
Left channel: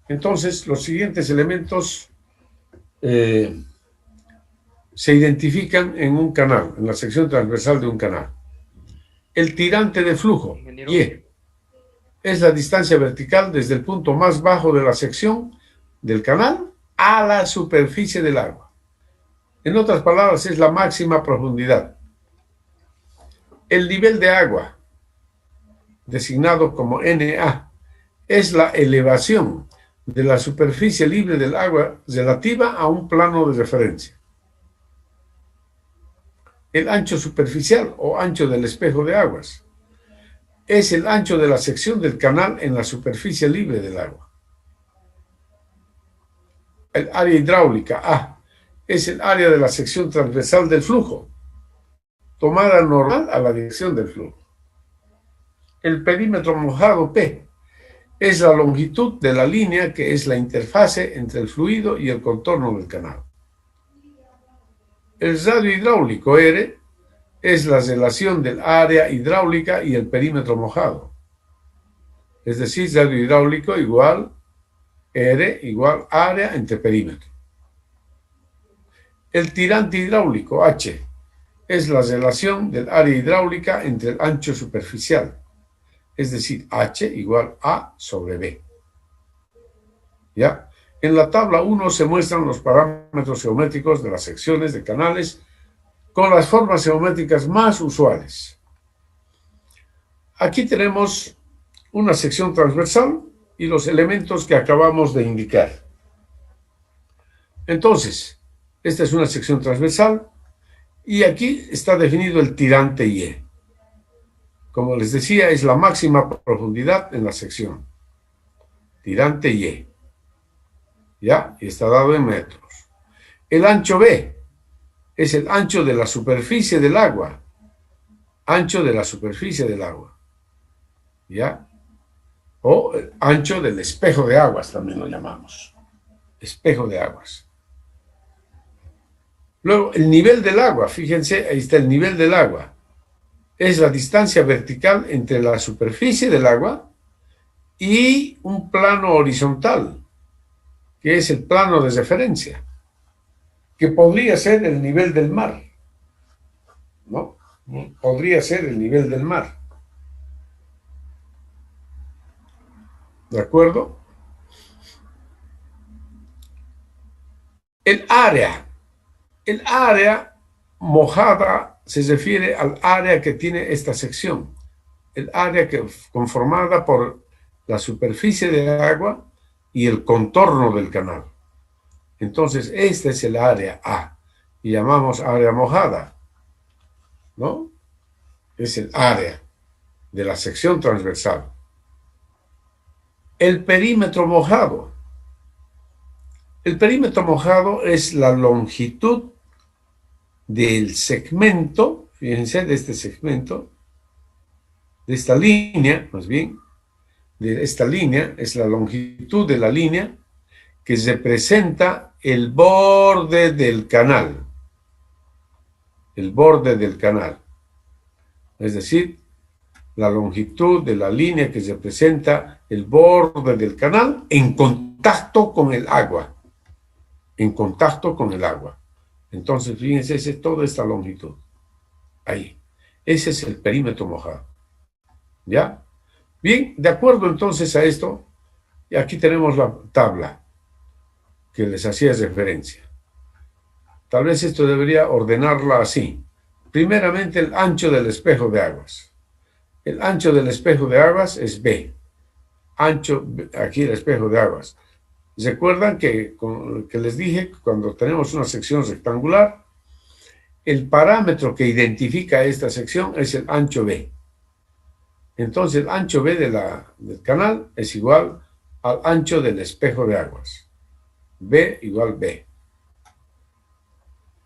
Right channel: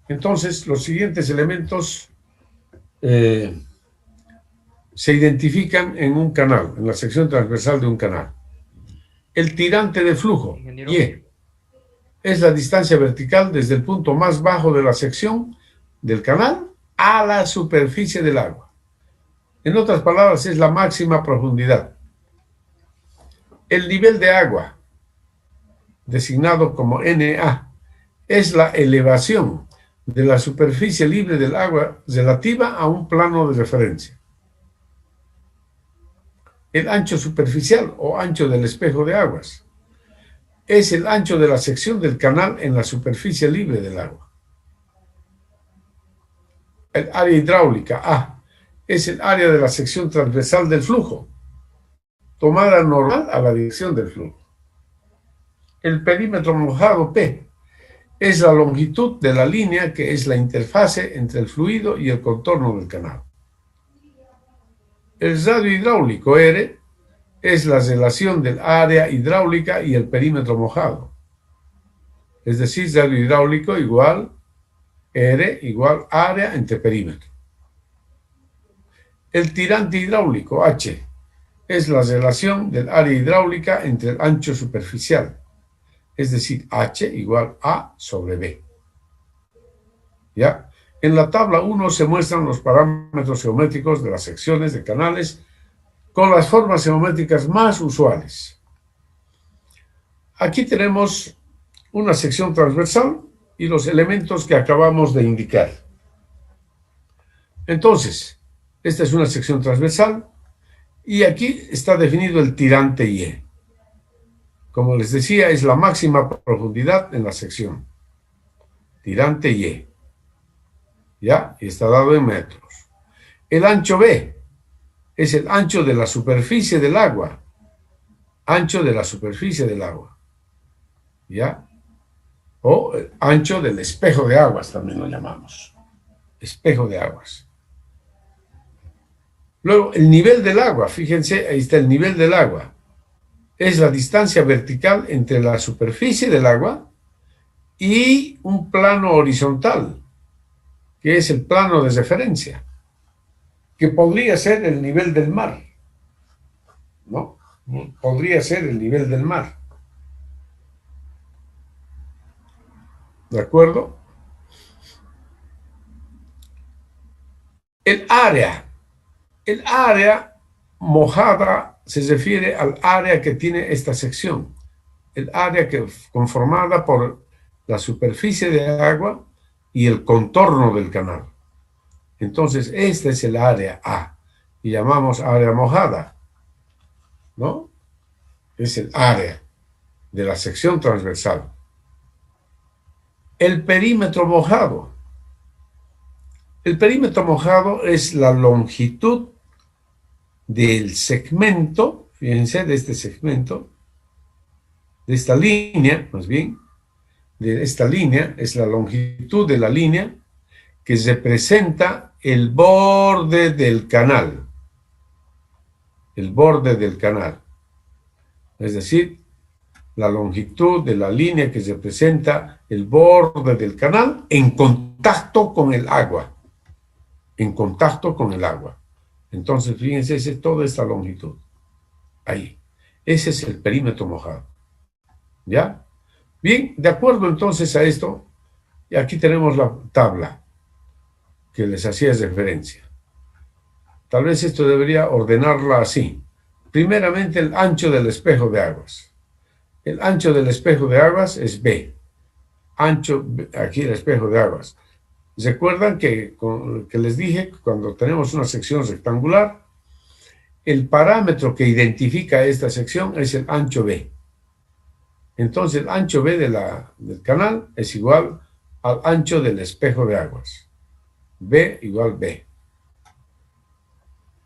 Entonces, los siguientes elementos se identifican en un canal, en la sección transversal de un canal. El tirante de flujo, Y, es la distancia vertical desde el punto más bajo de la sección del canal a la superficie del agua. En otras palabras, es la máxima profundidad. El nivel de agua, designado como NA, es la elevación de la superficie libre del agua relativa a un plano de referencia. El ancho superficial o ancho del espejo de aguas es el ancho de la sección del canal en la superficie libre del agua. El área hidráulica A es el área de la sección transversal del flujo, tomada normal a la dirección del flujo. El perímetro mojado P es la longitud de la línea que es la interfase entre el fluido y el contorno del canal. El radio hidráulico R es la relación del área hidráulica y el perímetro mojado. Es decir, radio hidráulico igual R igual área entre perímetro. El tirante hidráulico H es la relación del área hidráulica entre el ancho superficial. Es decir, H igual A sobre B. ¿Ya? En la tabla 1 se muestran los parámetros geométricos de las secciones de canales con las formas geométricas más usuales. Aquí tenemos una sección transversal y los elementos que acabamos de indicar. Entonces, esta es una sección transversal y aquí está definido el tirante Y. Como les decía, es la máxima profundidad en la sección. Tirante Y. ¿Ya? Y está dado en metros. El ancho B es el ancho de la superficie del agua. Ancho de la superficie del agua. ¿Ya? O el ancho del espejo de aguas, también lo llamamos. Espejo de aguas. Luego, el nivel del agua. Fíjense, ahí está el nivel del agua. Es la distancia vertical entre la superficie del agua y un plano horizontal, que es el plano de referencia, que podría ser el nivel del mar, ¿no? Podría ser el nivel del mar. ¿De acuerdo? El área mojada se refiere al área que tiene esta sección, el área que conformada por la superficie de agua y el contorno del canal. Entonces, este es el área A y llamamos área mojada, ¿no? Es el área de la sección transversal. El perímetro mojado. El perímetro mojado es la longitud del segmento, fíjense, de este segmento, de esta línea, más bien, de esta línea, es la longitud de la línea que representa el borde del canal. El borde del canal. Es decir, la longitud de la línea que representa el borde del canal en contacto con el agua. En contacto con el agua. Entonces, fíjense, esa es toda esta longitud. Ahí. Ese es el perímetro mojado. ¿Ya? Bien, de acuerdo entonces a esto, y aquí tenemos la tabla que les hacía referencia. Tal vez esto debería ordenarla así. Primeramente, el ancho del espejo de aguas. El ancho del espejo de aguas es B. Ancho, aquí el espejo de aguas. ¿Recuerdan que les dije que cuando tenemos una sección rectangular, el parámetro que identifica esta sección es el ancho B? Entonces el ancho B del canal es igual al ancho del espejo de aguas. B igual B.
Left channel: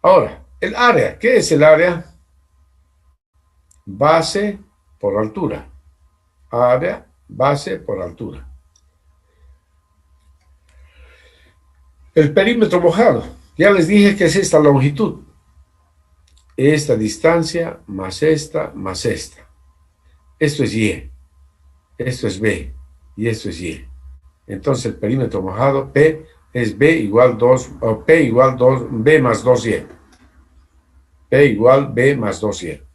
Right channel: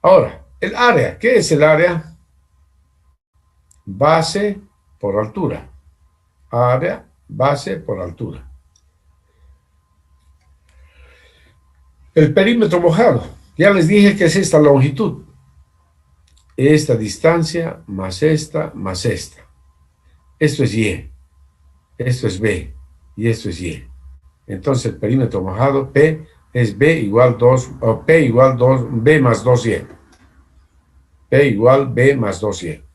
Ahora, El área, ¿qué es el área? Base por altura. Área, base por altura. El perímetro mojado. Ya les dije que es esta longitud. Esta distancia más esta más esta. Esto es Y. Esto es B. Y esto es Y. Entonces el perímetro mojado P es B igual 2, o P igual 2, B más 2Y. P igual B más 2Y.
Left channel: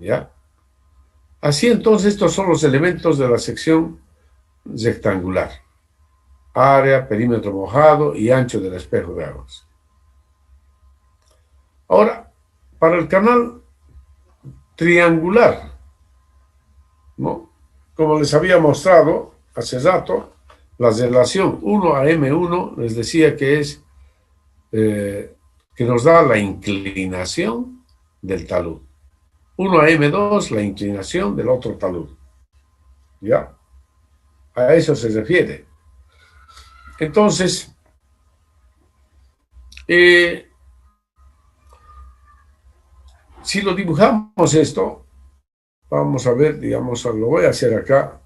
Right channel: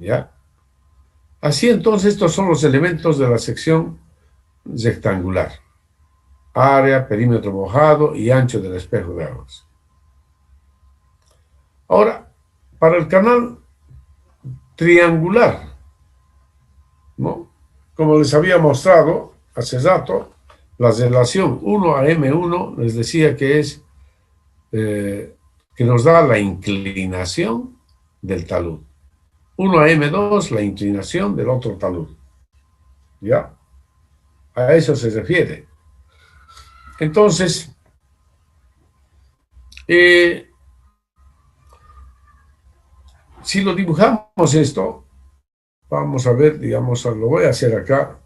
¿Ya? Así entonces estos son los elementos de la sección rectangular. Área, perímetro mojado y ancho del espejo de aguas. Ahora, para el canal triangular, ¿no? Como les había mostrado hace rato, la relación 1 a M1 les decía que es que nos da la inclinación del talud. 1 a M2, la inclinación del otro talud. ¿Ya? A eso se refiere. Entonces, si lo dibujamos esto, vamos a ver, digamos, lo voy a hacer acá.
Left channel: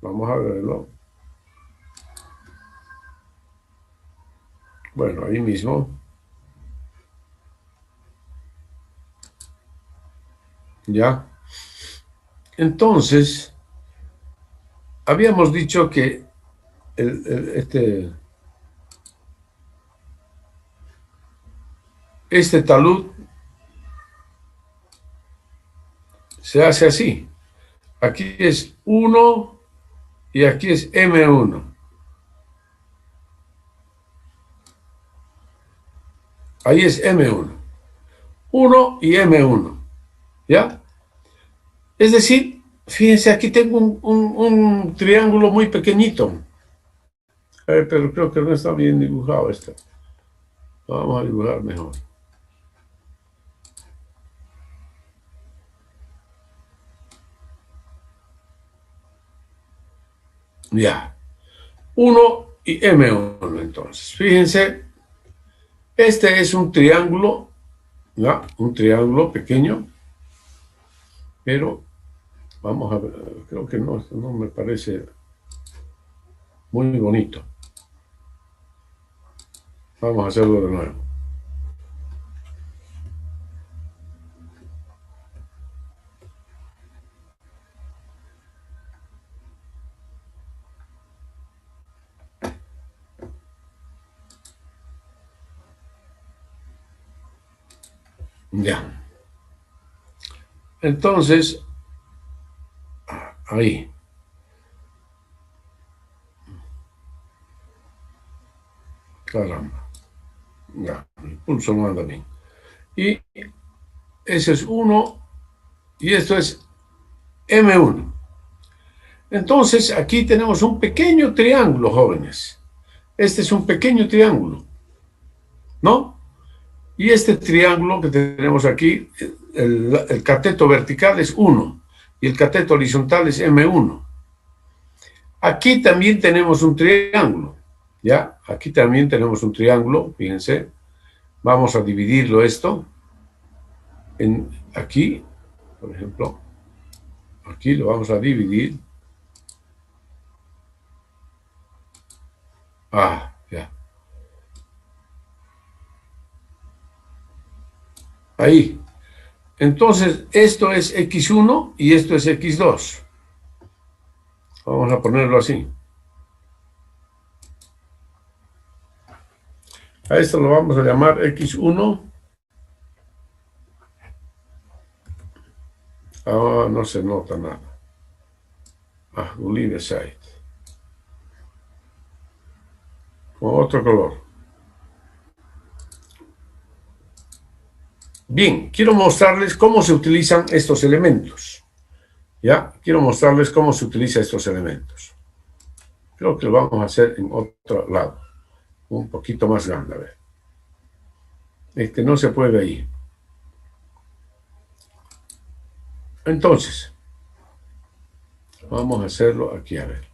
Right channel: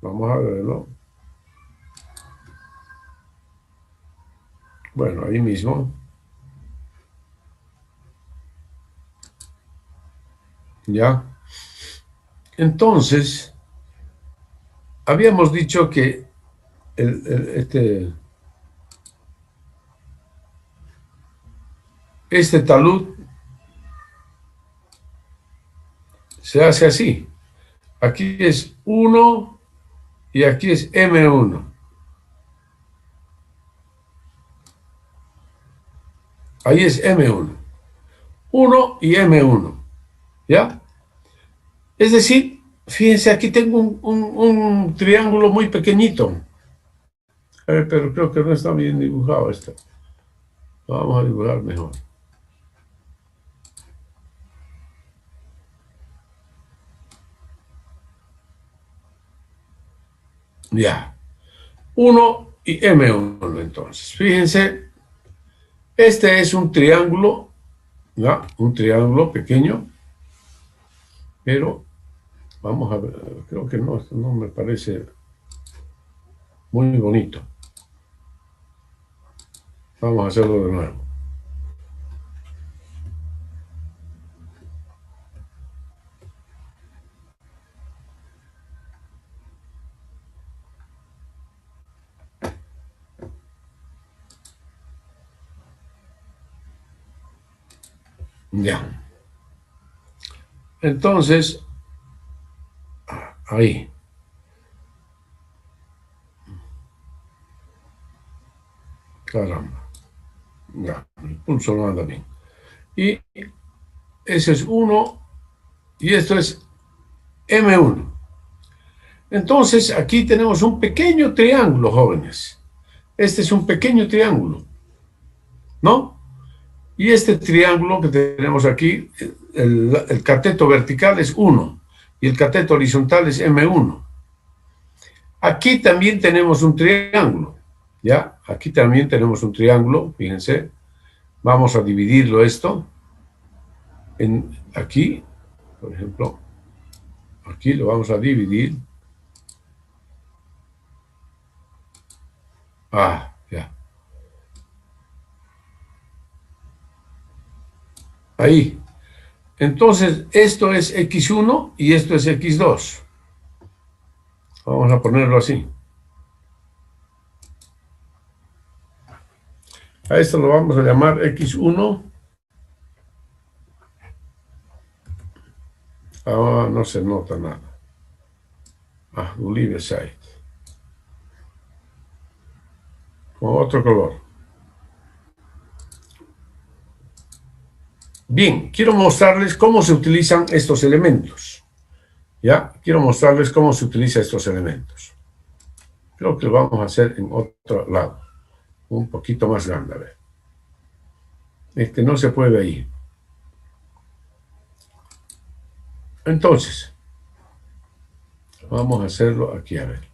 Vamos a verlo. Bueno, ahí mismo. ¿Ya? Entonces, habíamos dicho que este talud se hace así. Aquí es 1 y aquí es M1. Ahí es M1. 1 y M1. ¿Ya? Es decir, fíjense, aquí tengo un triángulo muy pequeñito. Pero creo que no está bien dibujado esto. Vamos a dibujar mejor. Ya. 1 y M1 entonces. Fíjense, este es un triángulo, ¿ya? Un triángulo pequeño, pero vamos a ver, creo que no, esto no me parece muy bonito. Vamos a hacerlo de nuevo. Ya. Entonces, ahí. Caramba. Ya, el pulso no anda bien. Y ese es 1 y esto es M1. Entonces, aquí tenemos un pequeño triángulo, jóvenes. Este es un pequeño triángulo, ¿no? Y este triángulo que tenemos aquí, el cateto vertical es 1 y el cateto horizontal es M1. Aquí también tenemos un triángulo, ¿ya? Aquí también tenemos un triángulo, fíjense. Vamos a dividirlo esto en aquí, por ejemplo. Aquí lo vamos a dividir. Ah, ya. Ahí. Entonces, esto es X1 y esto es X2. Vamos a ponerlo así. A esto lo vamos a llamar X1. Ah, no se nota nada. Ah, Olive Side. Con otro color. Bien, quiero mostrarles cómo se utilizan estos elementos. ¿Ya? Quiero mostrarles cómo se utilizan estos elementos. Creo que lo vamos a hacer en otro lado. Un poquito más grande, a ver. Este no se puede ahí. Entonces, vamos a hacerlo aquí, a ver.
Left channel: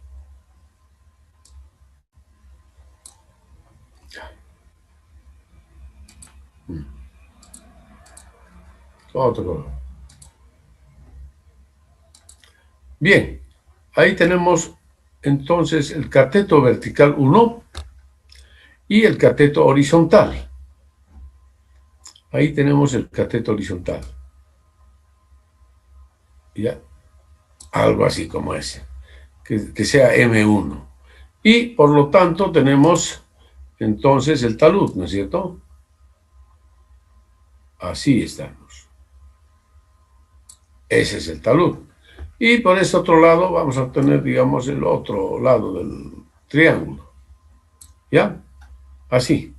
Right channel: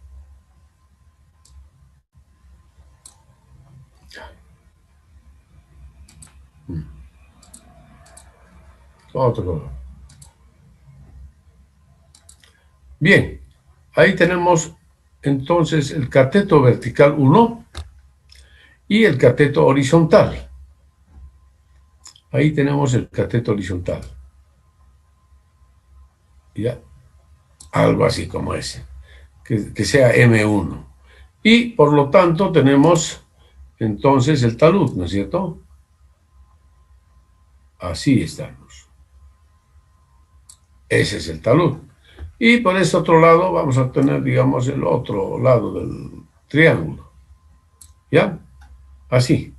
Otro color. Bien, ahí tenemos entonces el cateto vertical 1 y el cateto horizontal. Ahí tenemos el cateto horizontal. Ya, algo así como ese, que sea M1. Y por lo tanto tenemos entonces el talud, ¿no es cierto? Así estamos. Ese es el talud. Y por este otro lado vamos a tener, digamos, el otro lado del triángulo. ¿Ya? Así.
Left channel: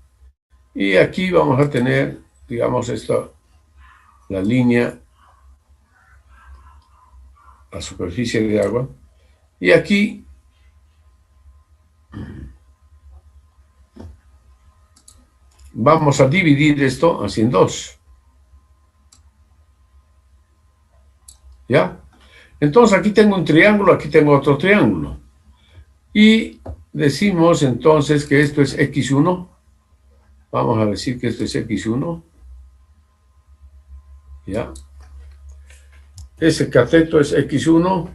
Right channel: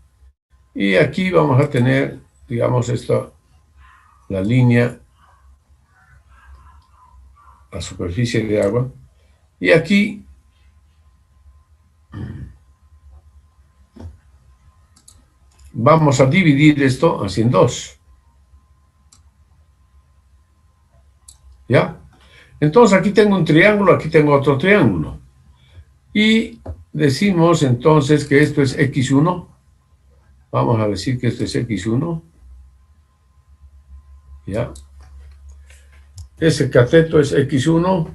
Y aquí vamos a tener, digamos, esta, la línea, la superficie de agua. Y aquí vamos a dividir esto así en dos. ¿Ya? Entonces aquí tengo un triángulo, aquí tengo otro triángulo. Y decimos entonces que esto es X1. Vamos a decir que esto es X1. ¿Ya? Ese cateto es X1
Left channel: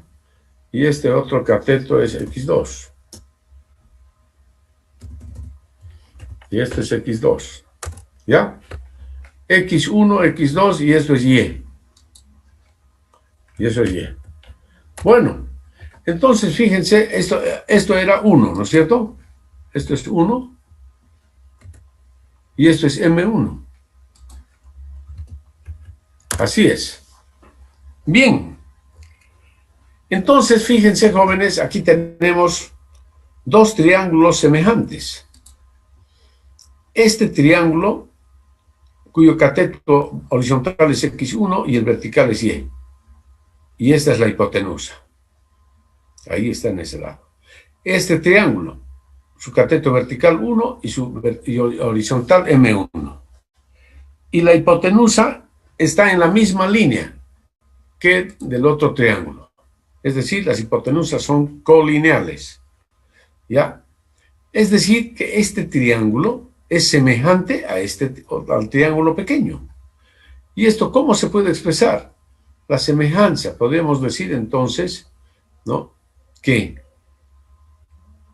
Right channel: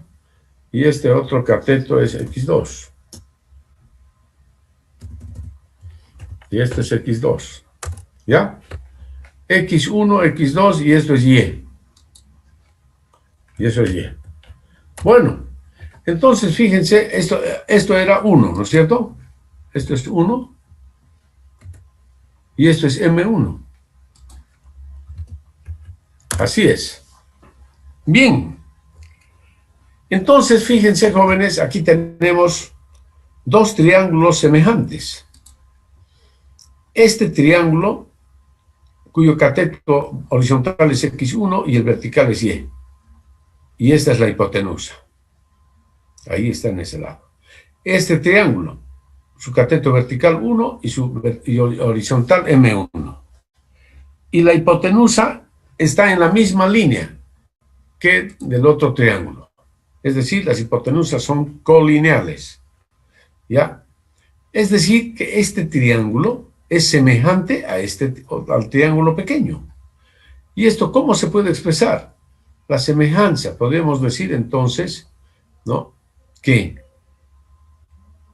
y este otro cateto es X2. Y este es X2. ¿Ya? X1, X2 y esto es Y. Y eso es Y. Bueno, entonces fíjense, esto era 1, ¿no es cierto? Esto es 1 y esto es M1. Así es. Bien. Entonces, fíjense, jóvenes, aquí tenemos dos triángulos semejantes. Este triángulo, cuyo cateto horizontal es X1 y el vertical es Y. Y esta es la hipotenusa. Ahí está en ese lado. Este triángulo, su cateto vertical 1 y su horizontal M1. Y la hipotenusa está en la misma línea que del otro triángulo. Es decir, las hipotenusas son colineales. ¿Ya? Es decir, que este triángulo es semejante a al triángulo pequeño. ¿Y esto cómo se puede expresar? La semejanza, podemos decir entonces, ¿no?, que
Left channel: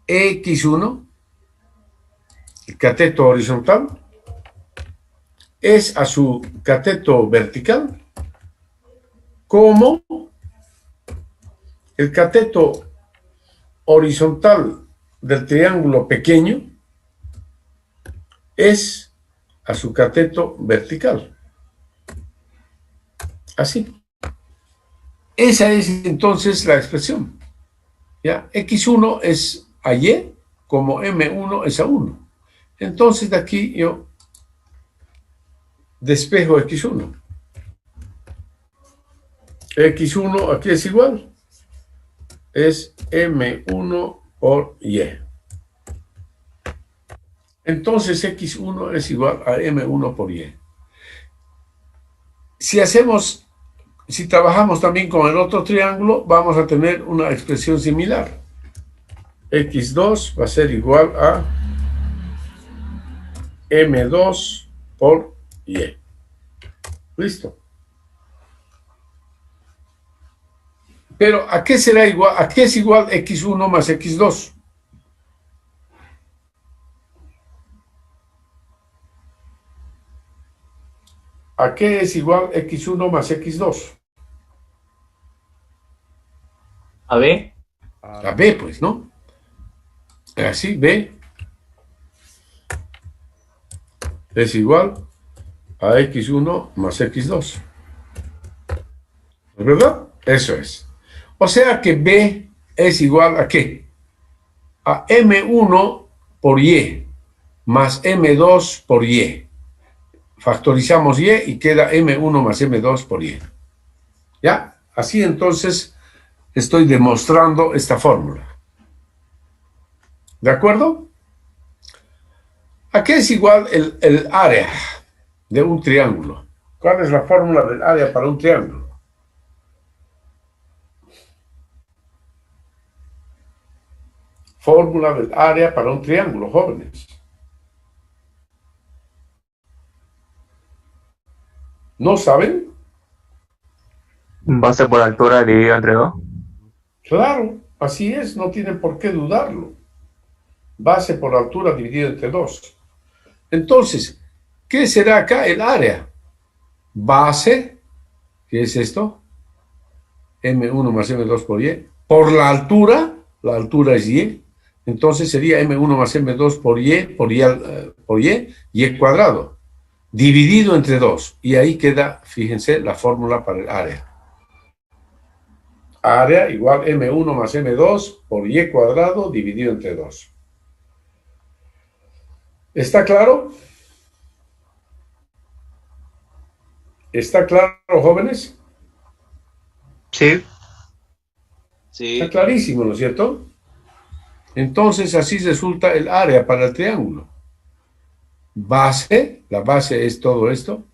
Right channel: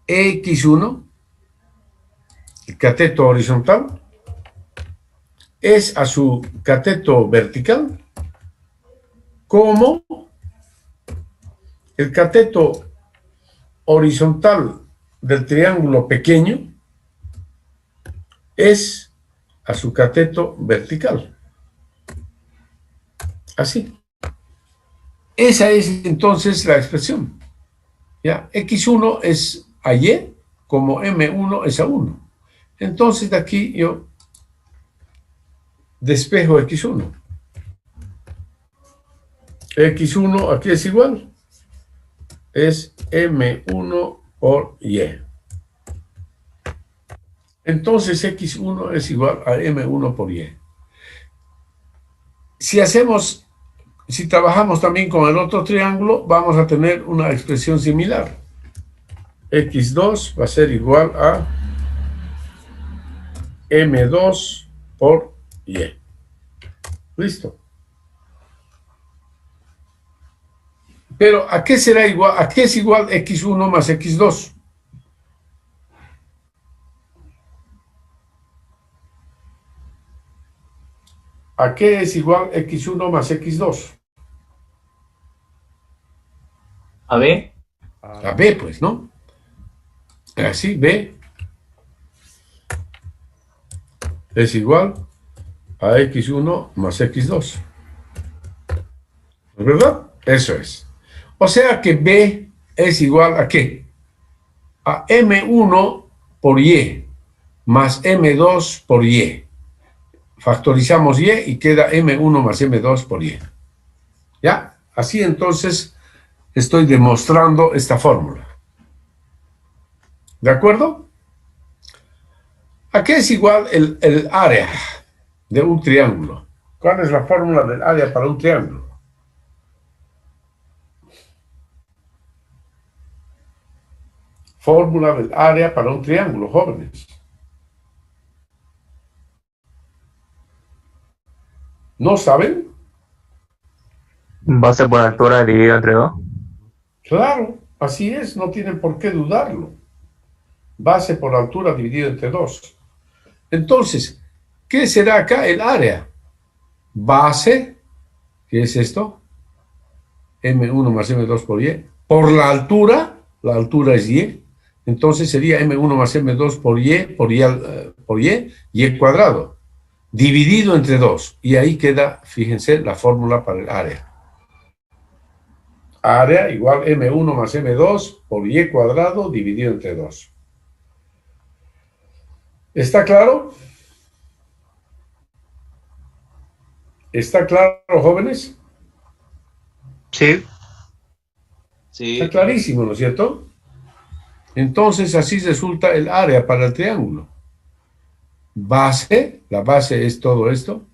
X1, el cateto horizontal, es a su cateto vertical como el cateto horizontal del triángulo pequeño es a su cateto vertical. Así. Esa es entonces la expresión. ¿Ya? X1 es a Y como M1 es a 1. Entonces de aquí yo despejo X1. X1 aquí es igual. Es M1 por Y. Entonces X1 es igual a M1 por Y. Si trabajamos también con el otro triángulo, vamos a tener una expresión similar. X2 va a ser igual a M2 por Y. Listo. Pero ¿a qué será igual? ¿A qué es igual X1 más X2? ¿A qué es igual X1 más X2? A B. A B, pues, ¿no? Así, B es igual a X1 más X2. ¿Verdad? Eso es. O sea que B es igual a ¿qué? A M1 por Y más M2 por Y. Factorizamos Y y queda M1 más M2 por Y. ¿Ya? Así entonces estoy demostrando esta fórmula. ¿De acuerdo? ¿A qué es igual el área de un triángulo? ¿Cuál es la fórmula del área para un triángulo? Fórmula del área para un triángulo, jóvenes. ¿No saben? Base por altura dividido entre 2. Claro, así es, no tienen por qué dudarlo. Base por altura dividido entre 2. Entonces, ¿qué será acá el área? Base, ¿qué es esto? M1 más M2 por Y. Por la altura es Y. Entonces sería M1 más M2 por Y cuadrado, dividido entre 2. Y ahí queda, fíjense, la fórmula para el área. Área igual M1 más M2 por Y cuadrado dividido entre 2. ¿Está claro? ¿Está claro, jóvenes? Sí. Sí. Está clarísimo, ¿no es cierto? Entonces así resulta el área para el triángulo. Base, la base es todo esto,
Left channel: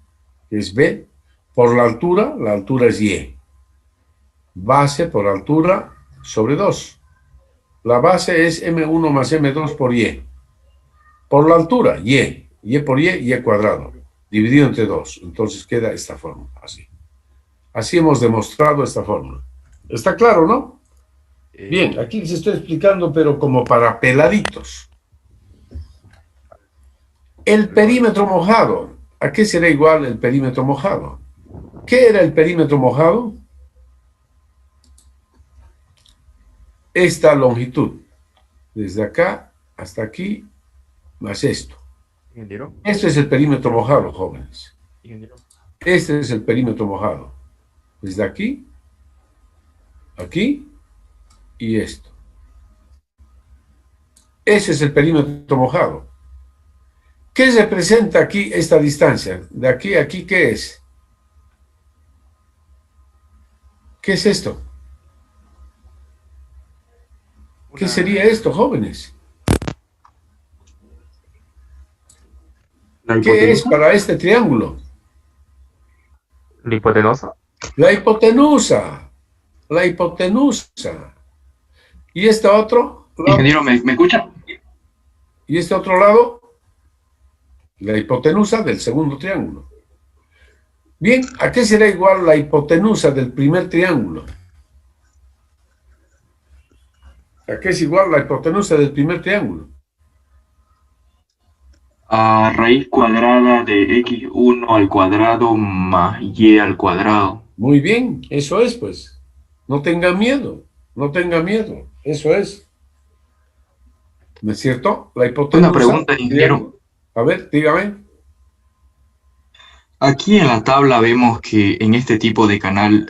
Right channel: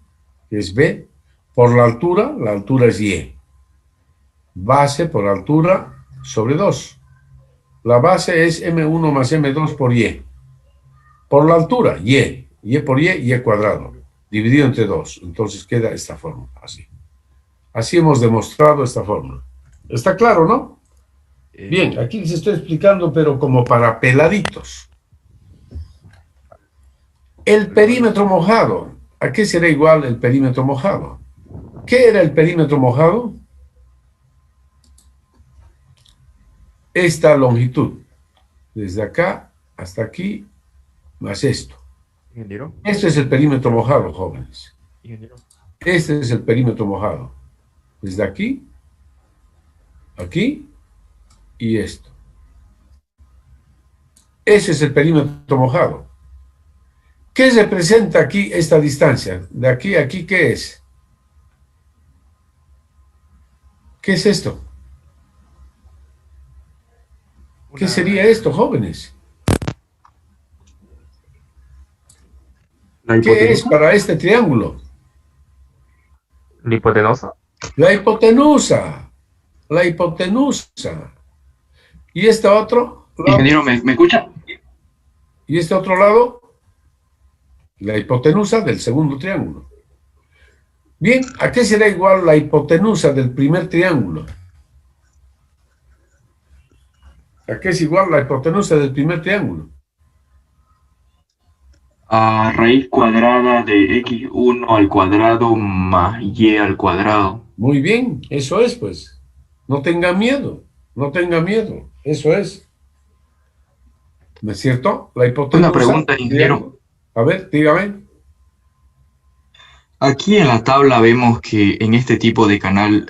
que es B. Por la altura es Y. Base por altura sobre 2. La base es M1 más M2 por Y. Por la altura, Y. Y por Y cuadrado. Dividido entre 2. Entonces queda esta fórmula, así. Así hemos demostrado esta fórmula. ¿Está claro, no? Bien, aquí les estoy explicando, pero como para peladitos. El perímetro mojado. ¿A qué será igual el perímetro mojado? ¿Qué era el perímetro mojado? Esta longitud. Desde acá hasta aquí, más esto. Ingeniero. Este es el perímetro mojado, jóvenes. Ingeniero. Este es el perímetro mojado. Desde aquí, aquí y esto. Ese es el perímetro mojado. ¿Qué representa aquí esta distancia? De aquí a aquí, ¿qué es? ¿Qué es esto? ¿Qué sería esto, jóvenes? ¿Qué es para este triángulo? La hipotenusa. La hipotenusa. La hipotenusa. ¿Y este otro lado? Ingeniero, ¿me escucha? ¿Y este otro lado? La hipotenusa del segundo triángulo. Bien, ¿a qué será igual la hipotenusa del primer triángulo? ¿A qué es igual la hipotenusa del primer triángulo? A raíz cuadrada de x1 al cuadrado más y al cuadrado. Muy bien, eso es, pues. No tenga miedo, no tenga miedo. Eso es. ¿No es cierto? La hipotenusa. Una pregunta, ingeniero. A ver, dígame. Aquí en la tabla vemos que en este tipo de canal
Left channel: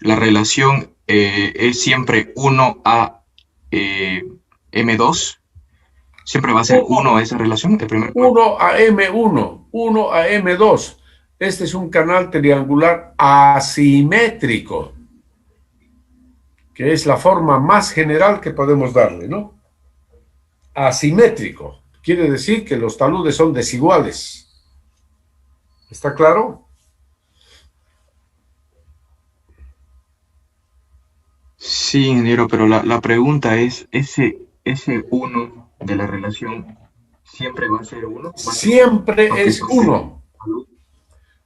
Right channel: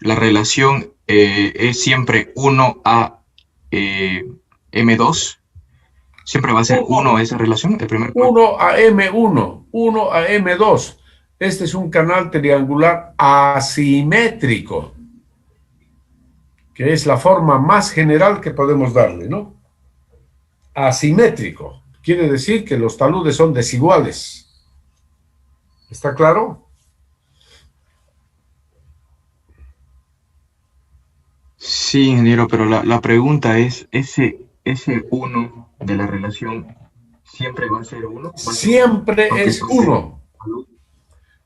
la relación es siempre 1 a M2. Siempre va a ser 1 esa relación, el primer 1 a M1, 1 a M2. Este es un canal triangular asimétrico, que es la forma más general que podemos darle, ¿no? Asimétrico. Quiere decir que los taludes son desiguales. ¿Está claro? Sí, ingeniero, pero la pregunta es, ¿ese 1 de la relación siempre va a ser 1? Siempre es 1.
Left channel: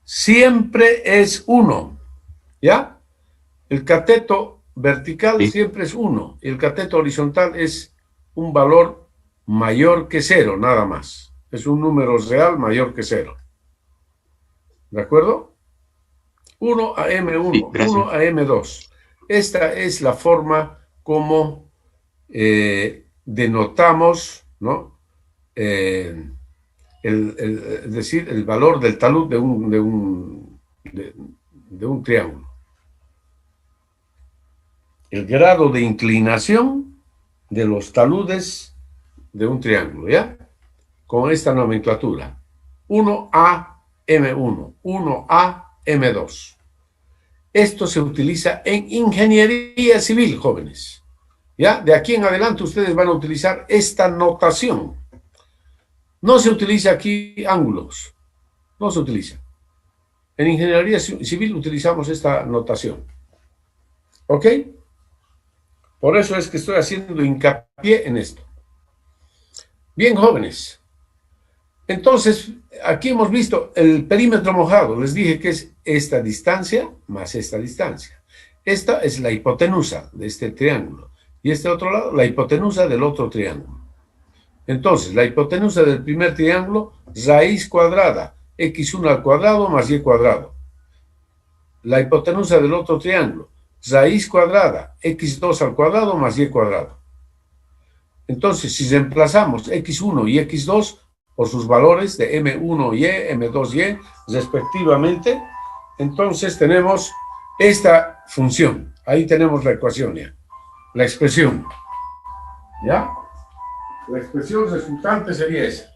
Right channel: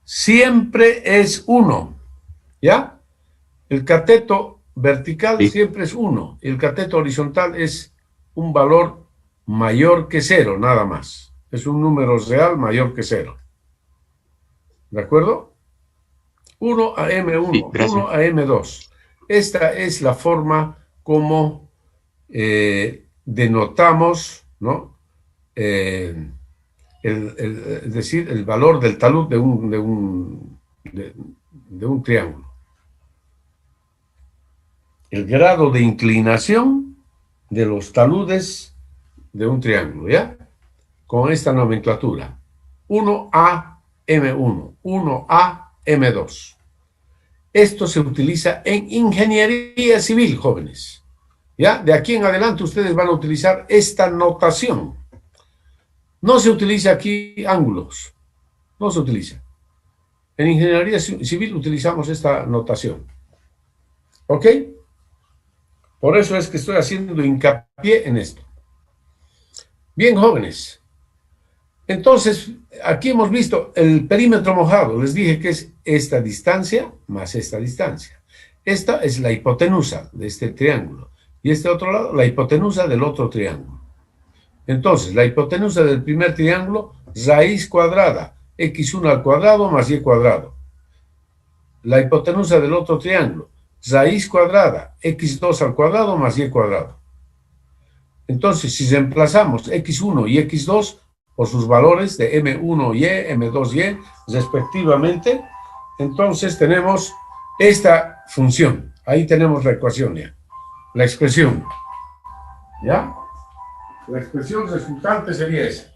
Siempre es 1. ¿Ya? El cateto vertical Sí. siempre es 1. Y el cateto horizontal es un valor mayor que 0, nada más. Es un número real mayor que 0. ¿De acuerdo? 1 a M1, Sí, gracias. 1 a M2. Esta es la forma como denotamos, ¿no? Es decir, el valor del talud de un triángulo. El grado de inclinación de los taludes de un triángulo, ¿ya? Con esta nomenclatura. 1A M1, 1A M2. Esto se utiliza en ingeniería civil, jóvenes. ¿Ya? De aquí en adelante ustedes van a utilizar esta notación. No se utiliza aquí ángulos. No se utiliza. En ingeniería civil utilizamos esta notación. ¿Ok? Por eso es que estoy haciendo hincapié en esto. Bien, jóvenes. Entonces, aquí hemos visto el perímetro mojado. Les dije que es esta distancia más esta distancia. Esta es la hipotenusa de este triángulo. Y este otro lado, la hipotenusa del otro triángulo. Entonces, la hipotenusa del primer triángulo, raíz cuadrada, x1 al cuadrado más y cuadrado. La hipotenusa del otro triángulo, raíz cuadrada, x2 al cuadrado más y cuadrado. Entonces, si reemplazamos x1 y x2 por sus valores de m1y, m2y, respectivamente, entonces tenemos esta función. Ahí tenemos la ecuación ya, la expresión. ¿Ya? La expresión resultante sería esa.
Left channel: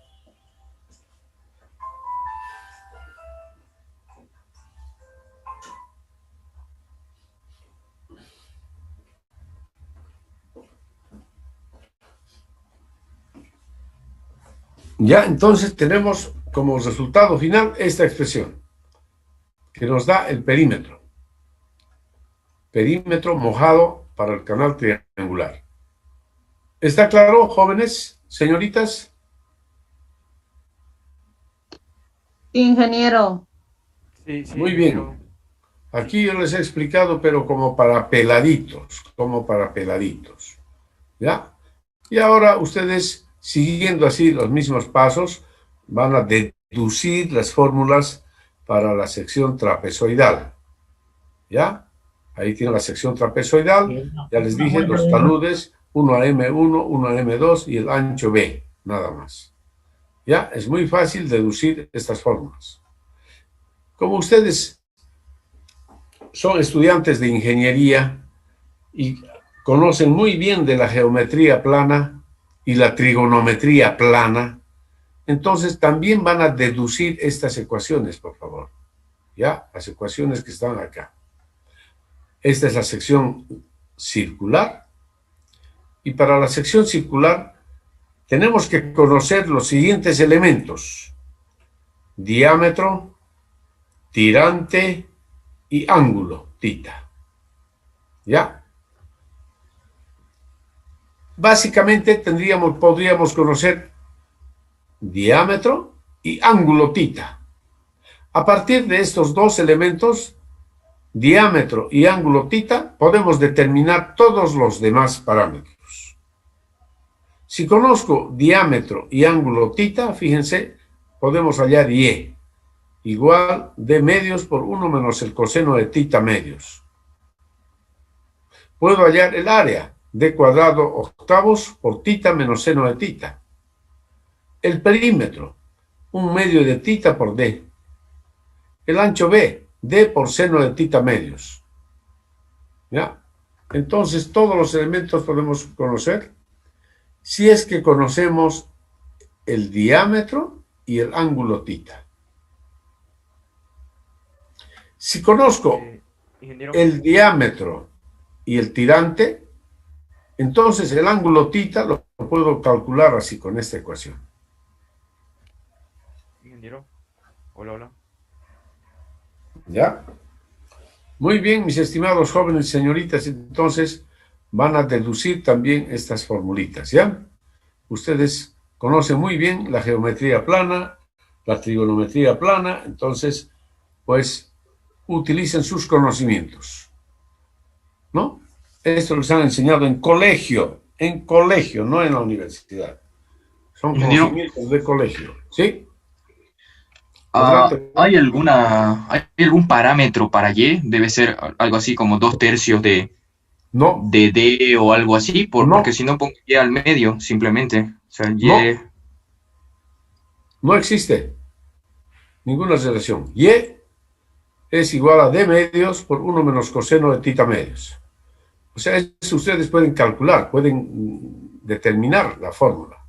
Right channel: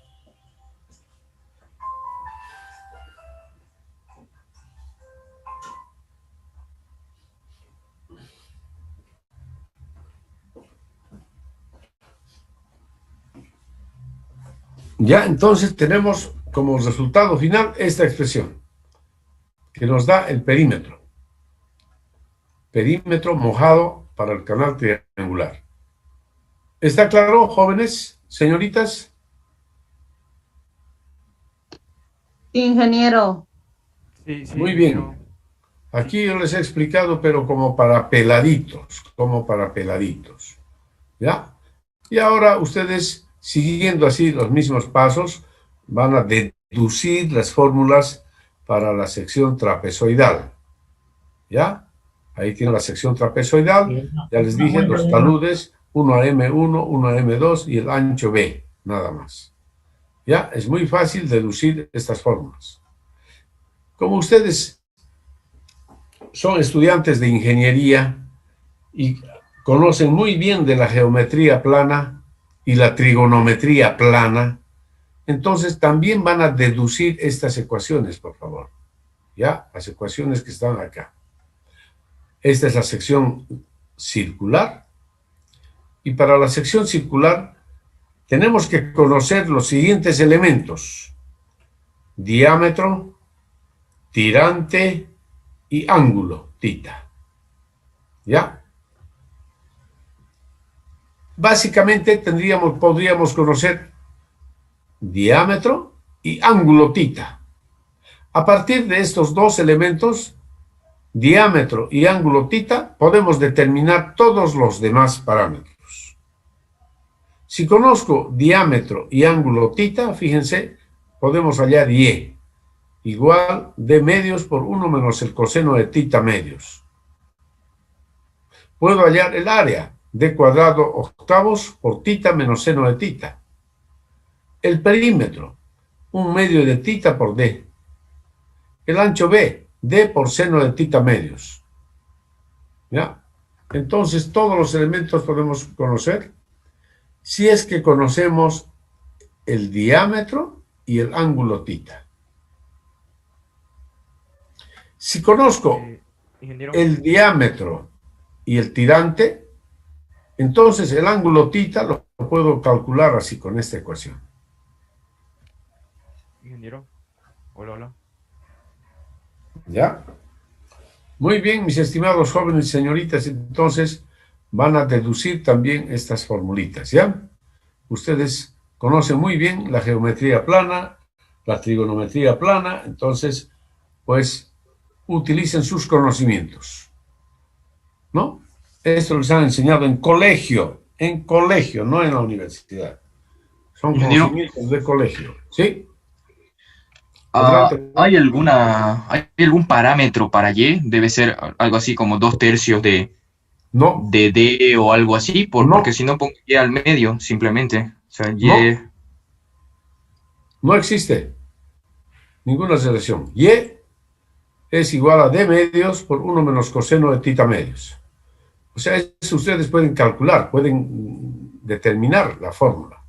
Ya, entonces tenemos como resultado final esta expresión, que nos da el perímetro. Perímetro mojado para el canal triangular. ¿Está claro, jóvenes, señoritas? Ingeniero. Sí, sí, Muy bien. Aquí yo les he explicado, pero como para peladitos, ¿ya? Y ahora ustedes, siguiendo así los mismos pasos, van a deducir las fórmulas para la sección trapezoidal, ¿ya? Ahí tienen la sección trapezoidal, ya les dije los taludes, uno a M1, uno a M2 y el ancho B, nada más. ¿Ya? Es muy fácil deducir estas fórmulas. Como ustedes son estudiantes de ingeniería y conocen muy bien de la geometría plana y la trigonometría plana, entonces también van a deducir estas ecuaciones, por favor. ¿Ya? Las ecuaciones que están acá. Esta es la sección circular. Y para la sección circular tenemos que conocer los siguientes elementos: diámetro, tirante y ángulo, tita. ¿Ya? Básicamente podríamos conocer diámetro y ángulo, tita. A partir de estos dos elementos, diámetro y ángulo, tita, podemos determinar todos los demás parámetros. Si conozco diámetro y ángulo, tita, fíjense, podemos hallar y igual d medios por 1 menos el coseno de tita medios. Puedo hallar el área, d cuadrado octavos por tita menos seno de tita. El perímetro, 1 medio de tita por d. El ancho b, d por seno de tita medios. ¿Ya? Entonces, todos los elementos podemos conocer si es que conocemos el diámetro y el ángulo tita. Si conozco el diámetro y el tirante, entonces el ángulo tita lo puedo calcular así con esta ecuación. Ingeniero. Hola, hola. ¿Ya? Muy bien, mis estimados jóvenes y señoritas, entonces van a deducir también estas formulitas, ¿ya? Ustedes conocen muy bien la geometría plana, la trigonometría plana, entonces, pues, utilicen sus conocimientos, ¿no? Esto les han enseñado en colegio, no en la universidad. Son conocimientos de colegio, ¿sí? ¿Hay algún parámetro para Y? Debe ser algo así como 2/3 de D o algo así, porque si no pongo Y al medio, simplemente. O sea, Y... No existe ninguna relación. Y es igual a D medios por 1 menos coseno de tita medios. O sea, eso ustedes pueden calcular, pueden determinar la fórmula.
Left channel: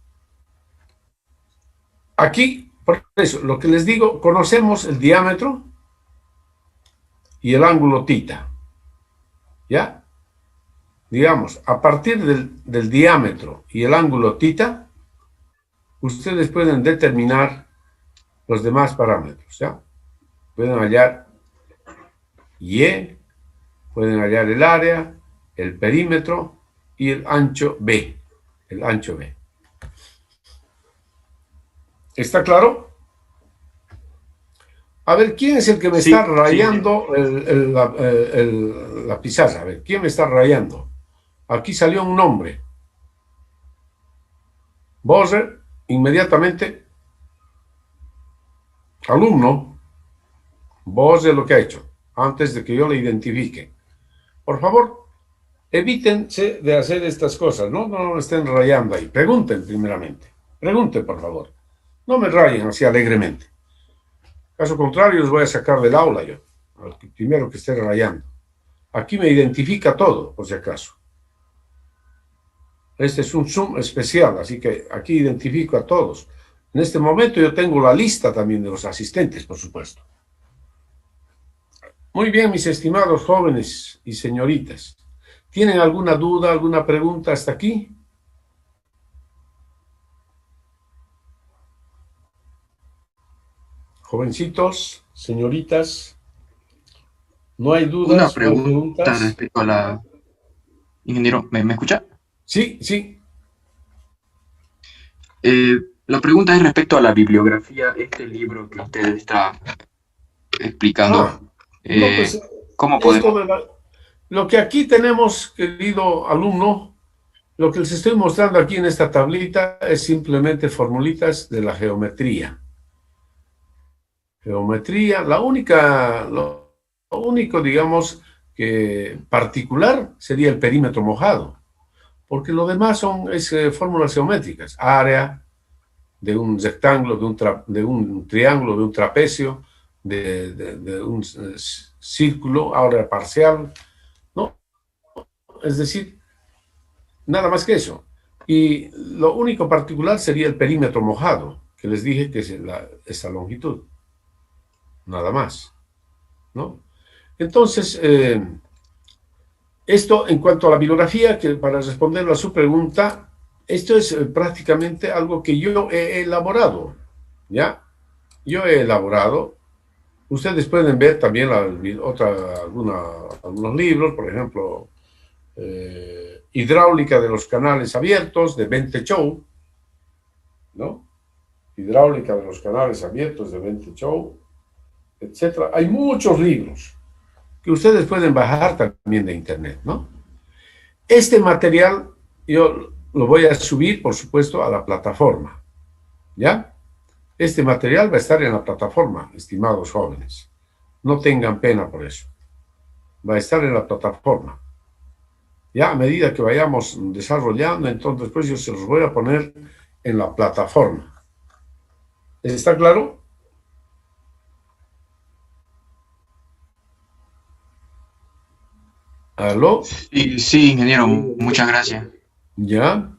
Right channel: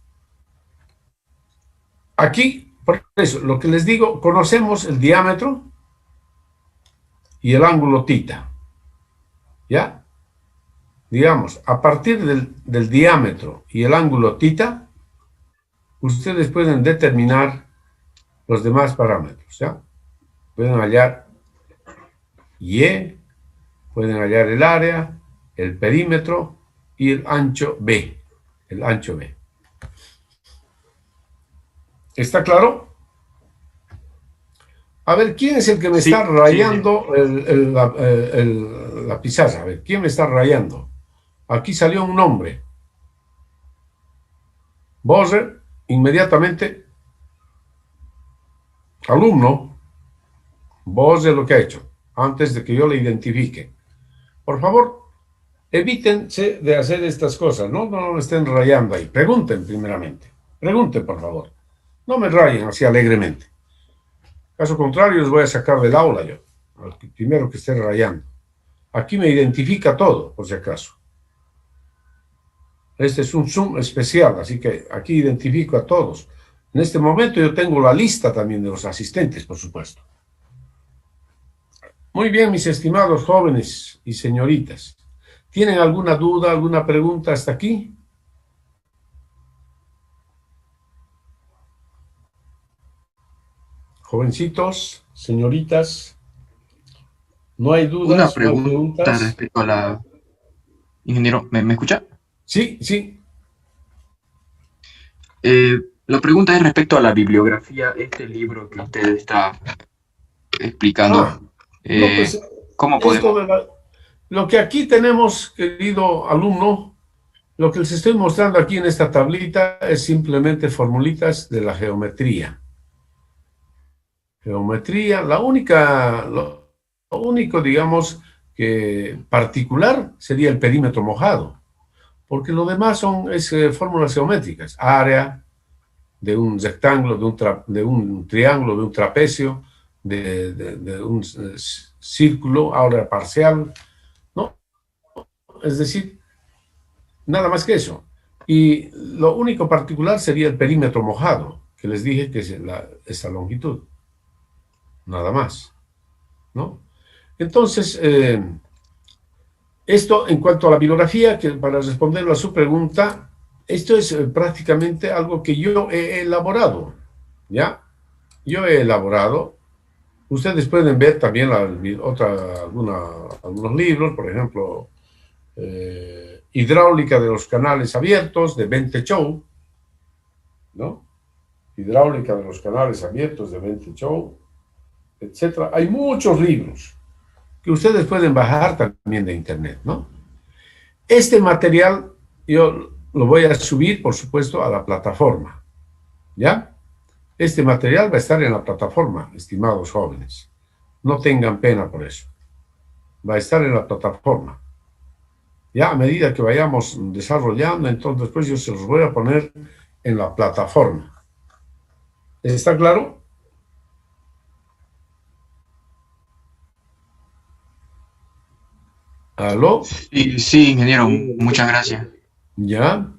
Aquí, por eso, lo que les digo, conocemos el diámetro y el ángulo tita. ¿Ya? Digamos, a partir del diámetro y el ángulo tita, ustedes pueden determinar los demás parámetros, ¿ya? Pueden hallar Y, pueden hallar el área, el perímetro y el ancho B. El ancho B. ¿Está claro? A ver, ¿quién es el que me Sí, está sí, rayando la pizarra? A ver, ¿quién me está rayando? Aquí salió un nombre. Bose, inmediatamente, alumno. Bose lo que ha hecho, antes de que yo le identifique. Por favor, evítense de hacer estas cosas, ¿no? No me estén rayando ahí. Pregunten primeramente. Pregunten, por favor. No me rayen así alegremente. Caso contrario, los voy a sacar del aula yo, al primero que esté rayando. Aquí me identifica todo, por si acaso. Este es un Zoom especial, así que aquí identifico a todos. En este momento yo tengo la lista también de los asistentes, por supuesto. Muy bien, mis estimados jóvenes y señoritas. ¿Tienen alguna duda, alguna pregunta hasta aquí? Jovencitos, señoritas, ¿no hay Una dudas, no hay pregunta preguntas? respecto a la... Ingeniero, ¿me escucha? Sí, sí. La pregunta es respecto a la bibliografía, este libro que usted está explicando. No, pues ¿Cómo esto podemos? lo que aquí tenemos, querido alumno, lo que les estoy mostrando aquí en esta tablita es simplemente formulitas de la geometría. Geometría, lo único, digamos, que particular sería el perímetro mojado, porque lo demás son fórmulas geométricas, área de un rectángulo, de un triángulo, de un trapecio, de un círculo, área parcial, ¿no? Es decir, nada más que eso. Y lo único particular sería el perímetro mojado, que les dije que es esa longitud, nada más, ¿no? Entonces, esto en cuanto a la bibliografía, que para responder a su pregunta, esto es prácticamente algo que yo he elaborado, ¿ya? Yo he elaborado. Ustedes pueden ver también algunos libros, por ejemplo, Hidráulica de los canales abiertos, de Bente Chou, ¿no? Hidráulica de los canales abiertos, de Bente Chou, etc. Hay muchos libros que ustedes pueden bajar también de internet, ¿no? Este material yo lo voy a subir, por supuesto, a la plataforma, ¿ya? Este material va a estar en la plataforma, estimados jóvenes. No tengan pena por eso. Va a estar en la plataforma. Ya a medida que vayamos desarrollando, entonces pues yo se los voy a poner en la plataforma. ¿Está claro? ¿Aló? Sí, sí, ingeniero, muchas gracias. ¿Ya?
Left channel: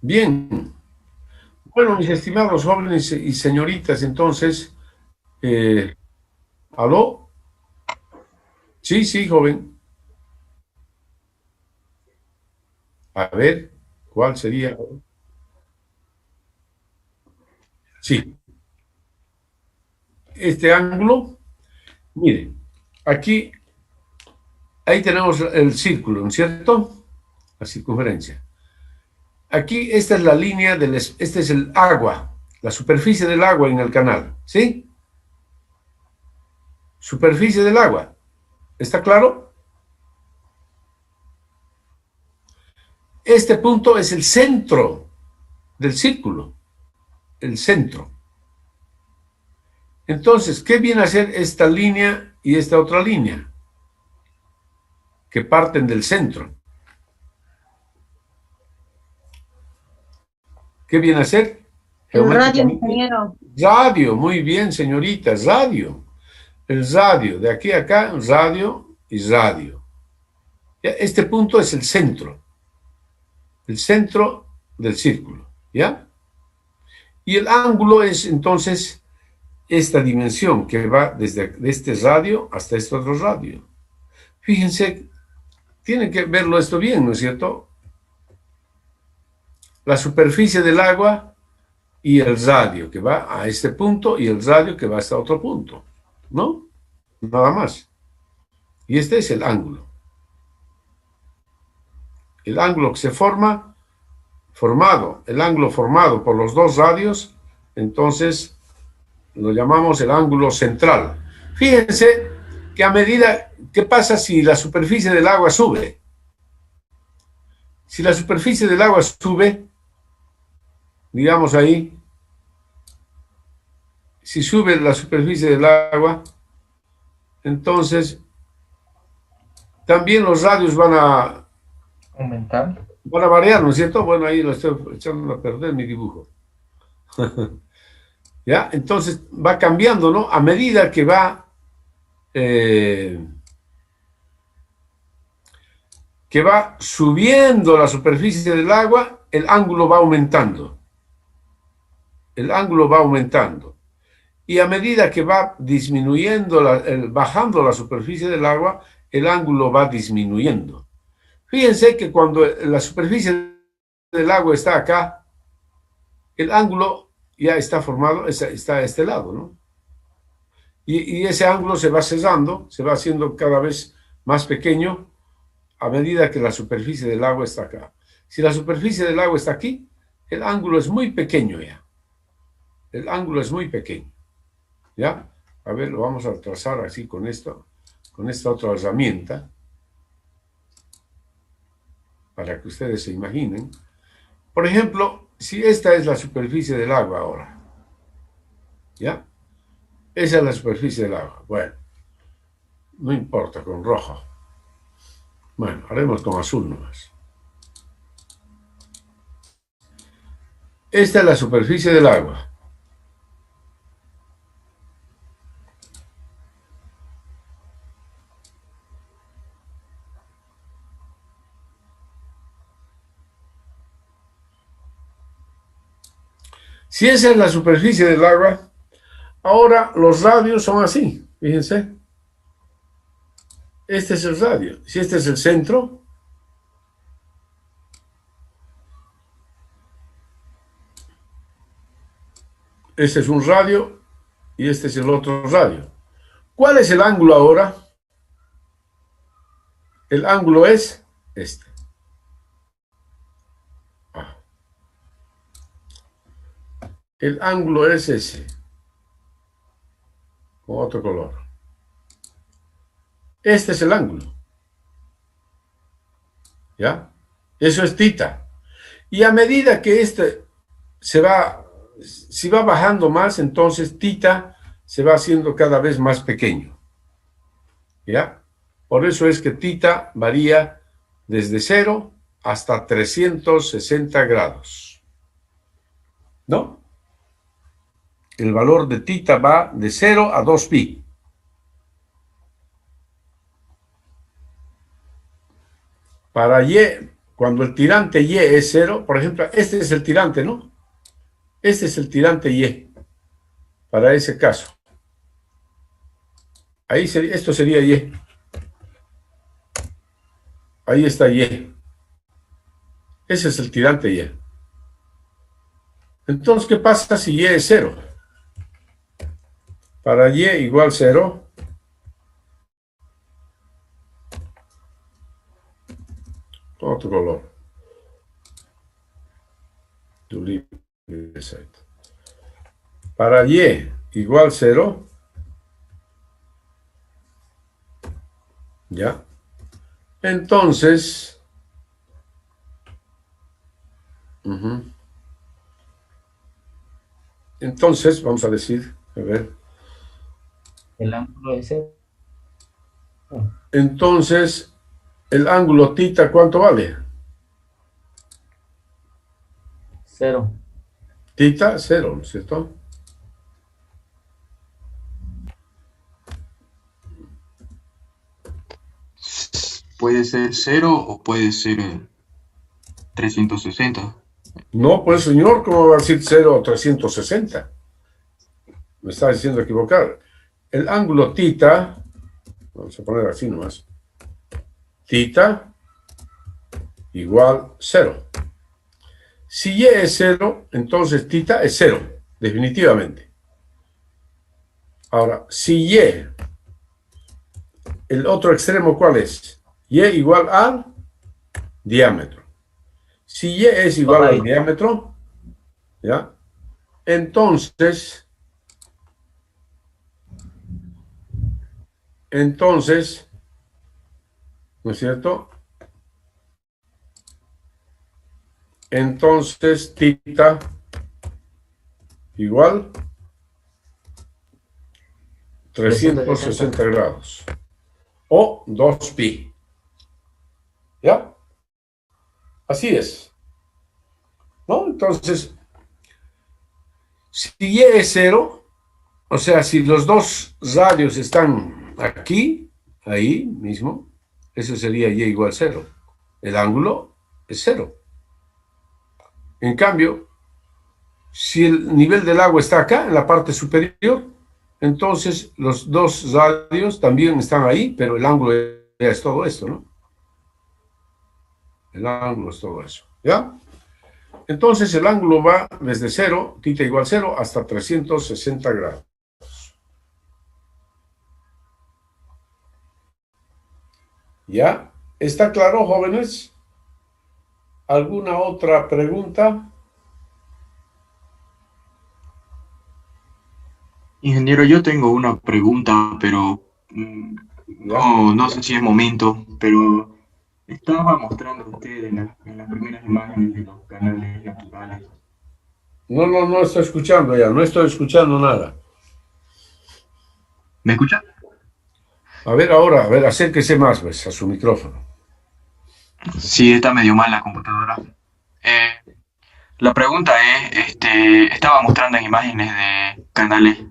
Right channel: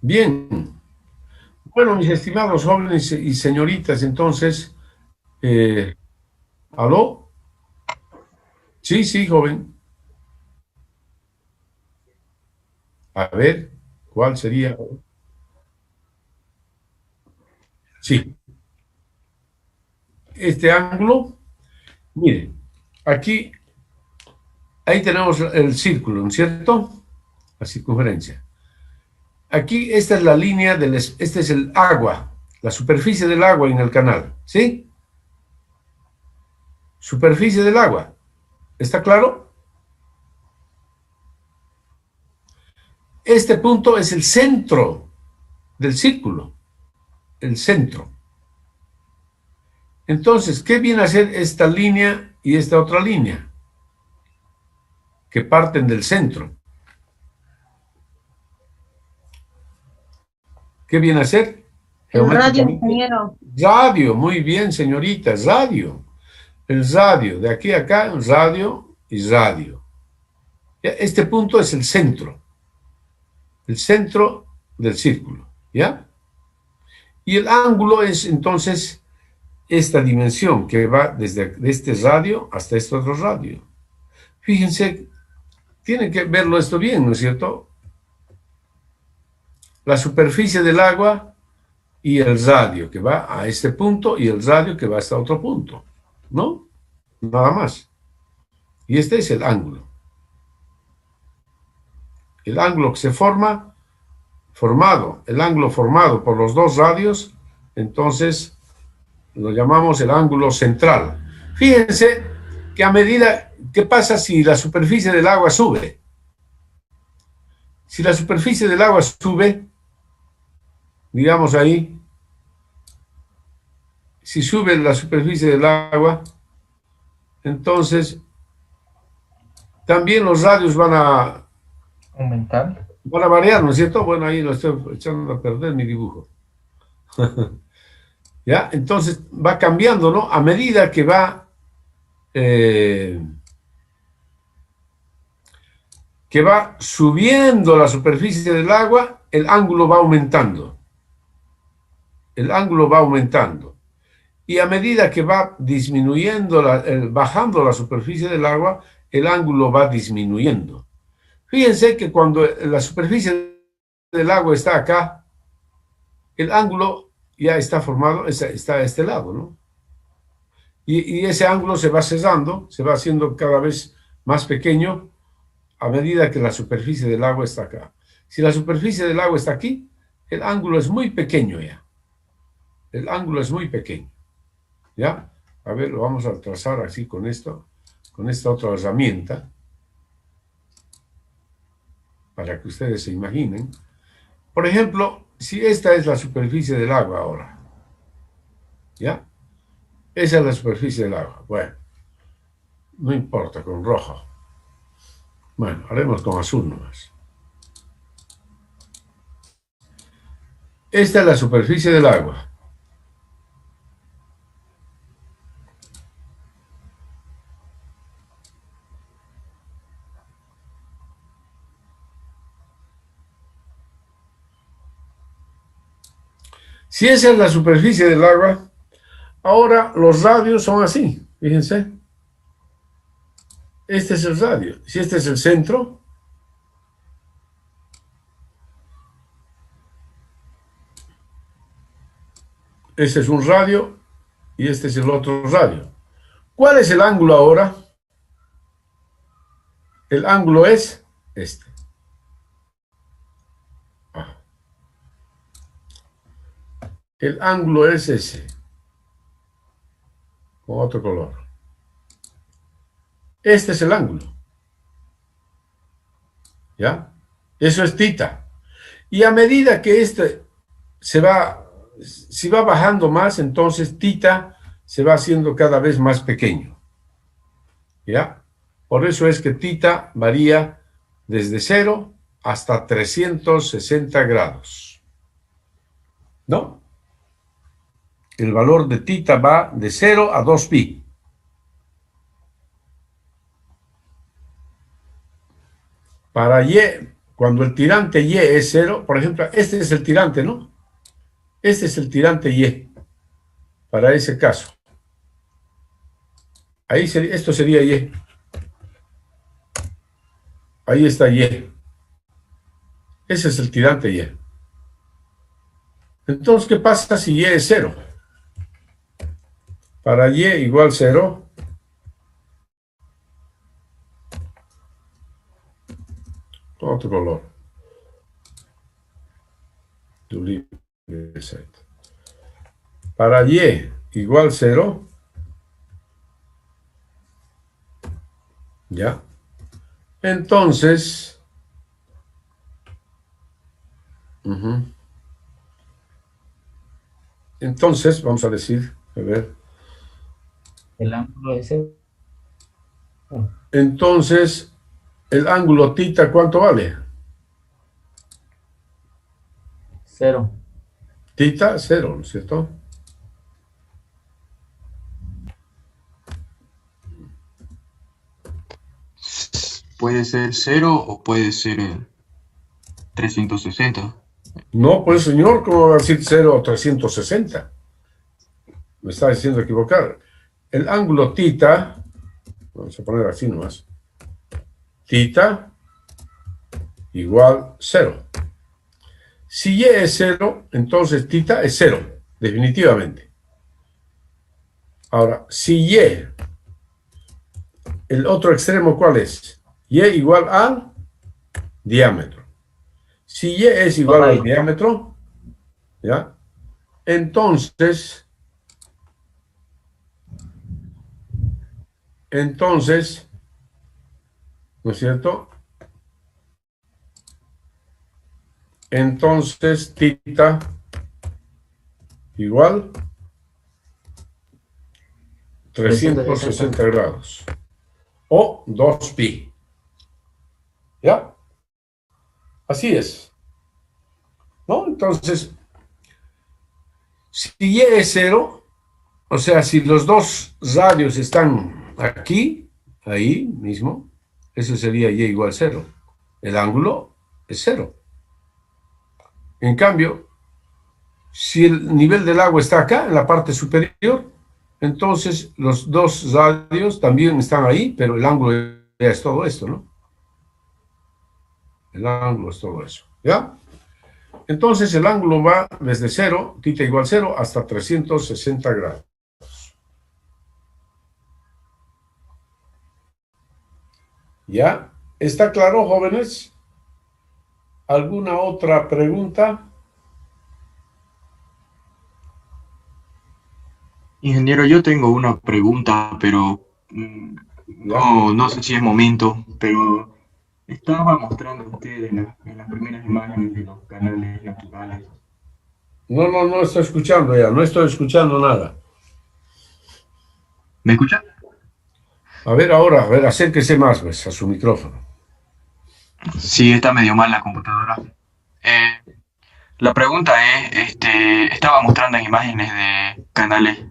Bien. Bueno, mis estimados jóvenes y señoritas, entonces, ¿aló? Sí, sí, joven. A ver, ¿cuál sería? Sí. Este ángulo, mire, aquí, ahí tenemos el círculo, ¿no es cierto? La circunferencia. Aquí, esta es la línea este es el agua, la superficie del agua en el canal, ¿sí? Superficie del agua. ¿Está claro? Este punto es el centro del círculo, el centro. Entonces, ¿qué viene a ser esta línea y esta otra línea? Que parten del centro. ¿Qué viene a ser? El radio, ingeniero. Radio, muy bien, señorita, radio. El radio, de aquí a acá, radio y radio. Este punto es el centro del círculo, ¿ya? Y el ángulo es entonces esta dimensión que va desde este radio hasta este otro radio. Fíjense, tienen que verlo esto bien, ¿no es cierto? La superficie del agua y el radio que va a este punto y el radio que va hasta otro punto, ¿no? Nada más. Y este es el ángulo. El ángulo que se el ángulo formado por los dos radios, entonces lo llamamos el ángulo central. Fíjense que a medida, ¿qué pasa si la superficie del agua sube? Si la superficie del agua sube, digamos ahí, si sube la superficie del agua, entonces también los radios van a aumentar. Van a variar, ¿no es cierto? Bueno, ahí lo estoy echando a perder mi dibujo. ¿Ya? Entonces va cambiando, ¿no? A medida que va subiendo la superficie del agua, el ángulo va aumentando. El ángulo va aumentando. Y a medida que va disminuyendo, bajando la superficie del agua, el ángulo va disminuyendo. Fíjense que cuando la superficie del agua está acá, el ángulo ya está formado, está a este lado, ¿no? Y ese ángulo se va cesando, se va haciendo cada vez más pequeño a medida que la superficie del agua está acá. Si la superficie del agua está aquí, el ángulo es muy pequeño ya. El ángulo es muy pequeño. ¿Ya? A ver, lo vamos a trazar así con esto, con esta otra herramienta, para que ustedes se imaginen. Por ejemplo, si esta es la superficie del agua ahora, ¿ya? Esa es la superficie del agua. Bueno, no importa, con rojo. Bueno, haremos con azul nomás. Esta es la superficie del agua. Si esa es la superficie del agua, ahora los radios son así, fíjense. Este es el radio. Si este es el centro, este es un radio y este es el otro radio. ¿Cuál es el ángulo ahora? El ángulo es este. El ángulo es ese, con otro color. Este es el ángulo. ¿Ya? Eso es tita. Y a medida que este si va bajando más, entonces tita se va haciendo cada vez más pequeño. ¿Ya? Por eso es que tita varía desde 0 hasta 360 grados. ¿No? El valor de tita va de 0 a 2pi. Para y, cuando el tirante y es 0, por ejemplo, este es el tirante, ¿no? Este es el tirante y, para ese caso. Ahí sería, esto sería y. Ahí está y. Ese es el tirante y. Entonces, ¿qué pasa si y es 0? Para y igual 0, otro color. Para y igual 0, ¿ya? Entonces, entonces, vamos a decir, a ver. El ángulo es ese. Entonces, el ángulo tita, ¿cuánto vale? 0. Tita, 0, ¿no es cierto? Puede ser 0 o puede ser 360. No, pues señor, ¿cómo va a decir 0 o 360? Me está diciendo equivocar. El ángulo tita, vamos a poner así nomás, tita igual 0. Si y es 0, entonces tita es 0, definitivamente. Ahora, si y, el otro extremo, ¿cuál es? Y igual al diámetro. Si y es igual al diámetro, ¿ya? Entonces, entonces, ¿no es cierto? Entonces, tita igual 360 grados o 2pi. ¿Ya? Así es. ¿No? Entonces, si y es 0, o sea, si los dos radios están aquí, ahí mismo, eso sería y igual 0. El ángulo es 0. En cambio, si el nivel del agua está acá, en la parte superior, entonces los dos radios también están ahí, pero el ángulo ya es todo esto, ¿no? El ángulo es todo eso, ¿ya? Entonces el ángulo va desde 0, tita igual 0, hasta 360 grados. ¿Ya? ¿Está claro, jóvenes? ¿Alguna otra pregunta? Ingeniero, yo tengo una pregunta, pero no sé si es momento, pero estaba mostrando usted en las primeras imágenes de los canales naturales. No estoy escuchando ya, no estoy escuchando nada. ¿Me escucha? A ver ahora, a ver, acérquese más, pues, a su micrófono. Sí, está medio mal la computadora. La pregunta es, estaba mostrando imágenes de canales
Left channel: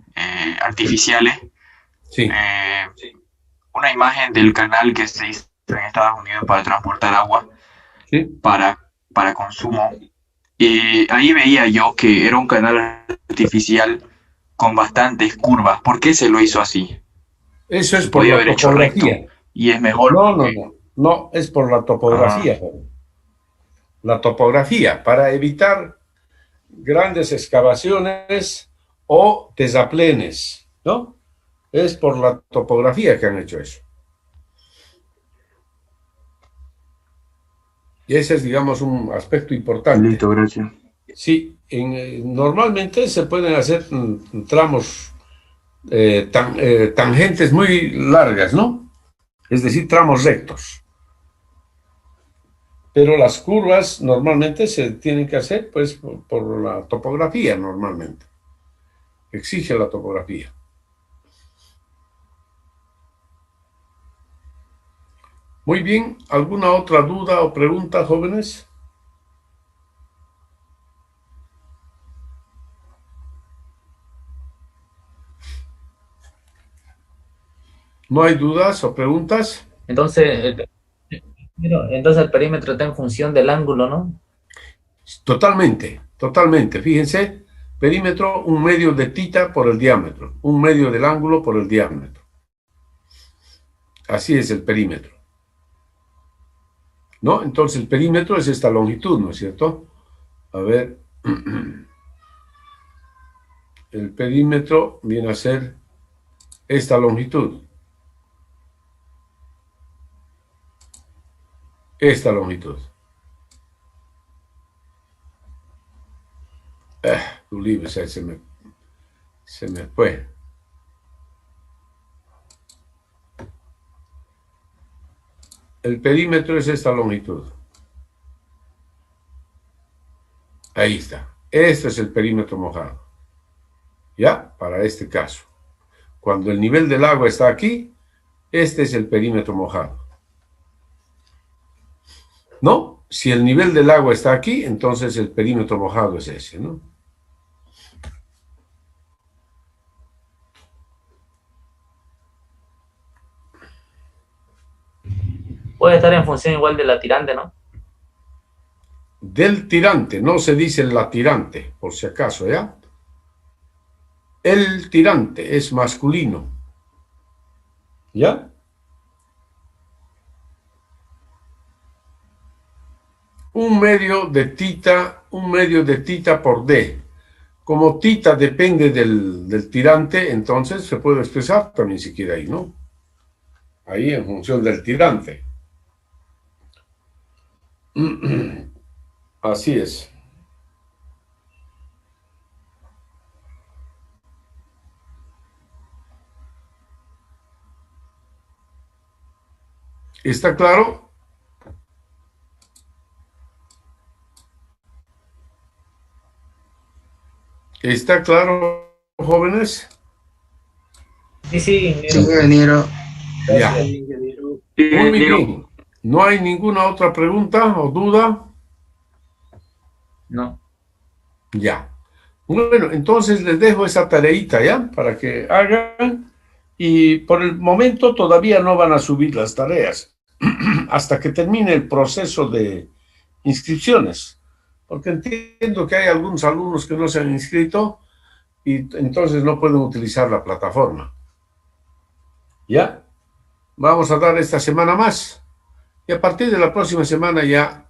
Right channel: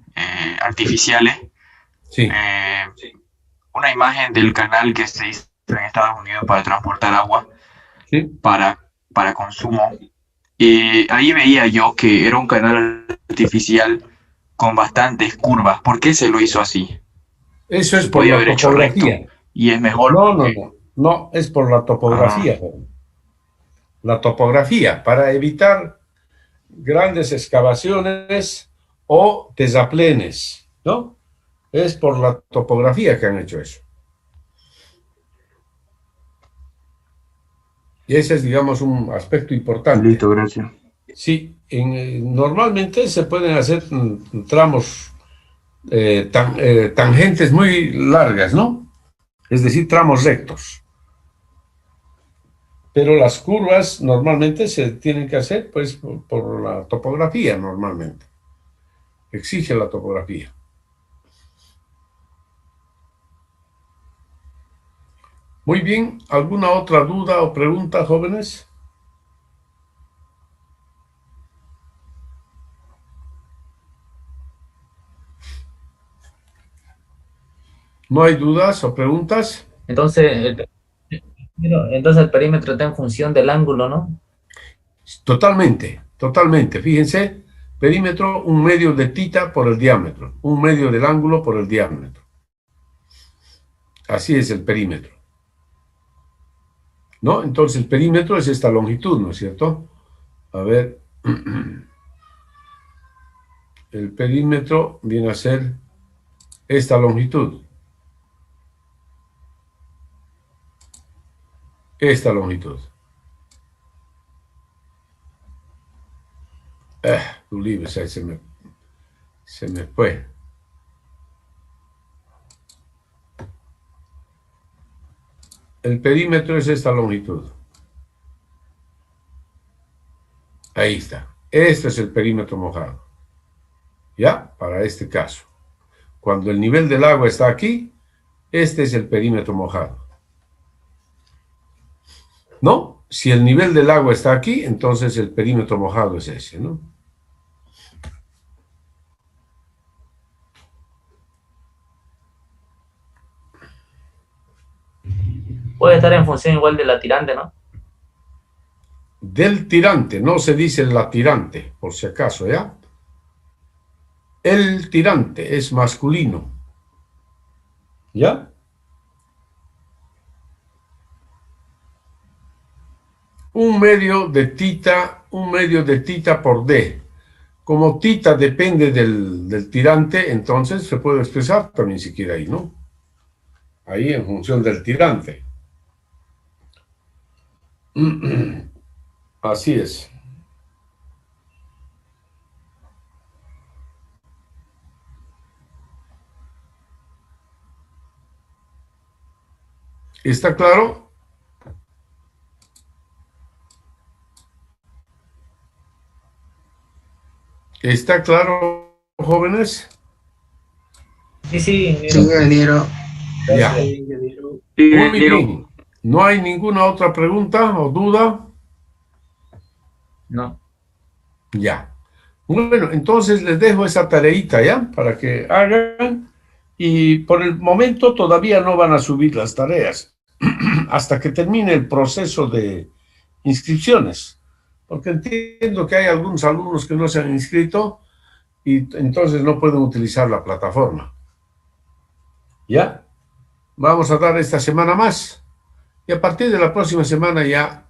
artificiales. Sí. Una imagen del canal que se hizo en Estados Unidos para transportar agua para consumo. Y ahí veía yo que era un canal artificial con bastantes curvas. ¿Por qué se lo hizo así? Eso es Se por podía la haber hecho recto topografía. y es mejor. No, es por la topografía. La topografía, para evitar grandes excavaciones o terraplenes, ¿no? Es por la topografía que han hecho eso. Y ese es, digamos, un aspecto importante. Listo, gracias. Sí, normalmente se pueden hacer tramos, tangentes muy largas, ¿no? Es decir, tramos rectos. Pero las curvas normalmente se tienen que hacer, pues, por la topografía, normalmente. Exige la topografía. Muy bien, ¿alguna otra duda o pregunta, jóvenes? ¿No hay dudas o preguntas? Entonces el perímetro está en función del ángulo, ¿no? Totalmente, totalmente. Fíjense, perímetro, un medio de tita por el diámetro, un medio del ángulo por el diámetro. Así es el perímetro. ¿No? Entonces el perímetro es esta longitud, ¿no es cierto? A ver, el perímetro viene a ser esta longitud. Esta longitud. Tu libro se me fue. El perímetro es esta longitud. Ahí está. Este es el perímetro mojado. ¿Ya? Para este caso. Cuando el nivel del agua está aquí, este es el perímetro mojado. ¿No? Si el nivel del agua está aquí, entonces el perímetro mojado es ese, ¿no? Puede estar en función igual de la tirante, ¿no? Del tirante, no se dice la tirante, por si acaso, ¿ya? El tirante es masculino. ¿Ya? Un medio de tita por D. Como tita depende del tirante, entonces se puede expresar también si quiere ahí, ¿no? Ahí en función del tirante. Así es. ¿Está claro? ¿Está claro, jóvenes? Sí, ingeniero. Ya. Muy bien. ¿No hay ninguna otra pregunta o duda? No. Ya. Bueno, entonces les dejo esa tareita, ¿ya? Para que hagan. Y por el momento todavía no van a subir las tareas hasta que termine el proceso de inscripciones. Porque entiendo que hay algunos alumnos que no se han inscrito y entonces no pueden utilizar la plataforma. ¿Ya? Vamos a dar esta semana más. Y a partir de la próxima semana ya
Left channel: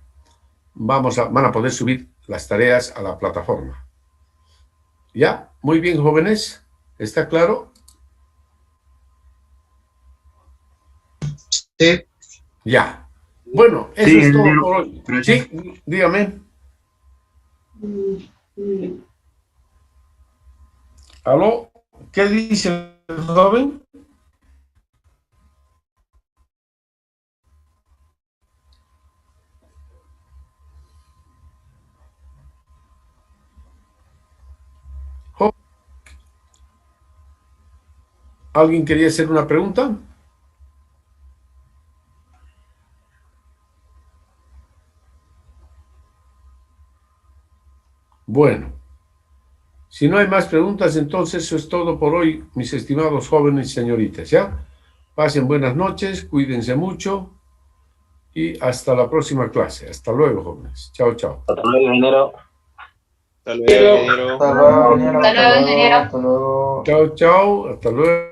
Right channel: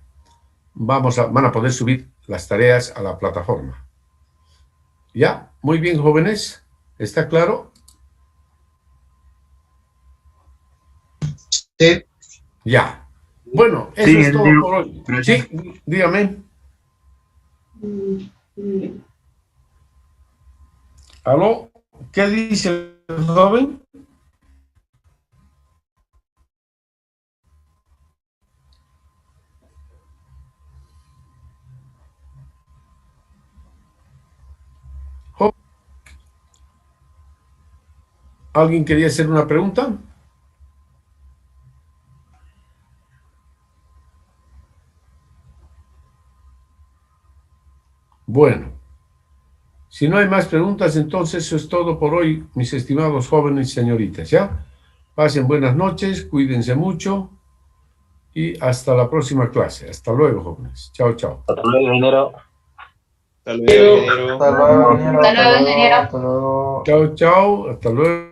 van a poder subir las tareas a la plataforma. ¿Ya? Muy bien, jóvenes. ¿Está claro? Sí. Ya. Bueno, eso Sí, es todo ingeniero. por hoy. Sí, dígame. ¿Aló? ¿Qué dice el joven? ¿Alguien quería hacer una pregunta? Bueno, si no hay más preguntas, entonces eso es todo por hoy, mis estimados jóvenes y señoritas, ¿ya? Pasen buenas noches, cuídense mucho y hasta la próxima clase. Hasta luego, jóvenes. Chao, chao. Hasta luego, ingeniero. Hasta luego, ingeniero. Hasta luego, ingeniero. Hasta luego, ingeniero. Hasta luego. Chao, chao. Hasta luego.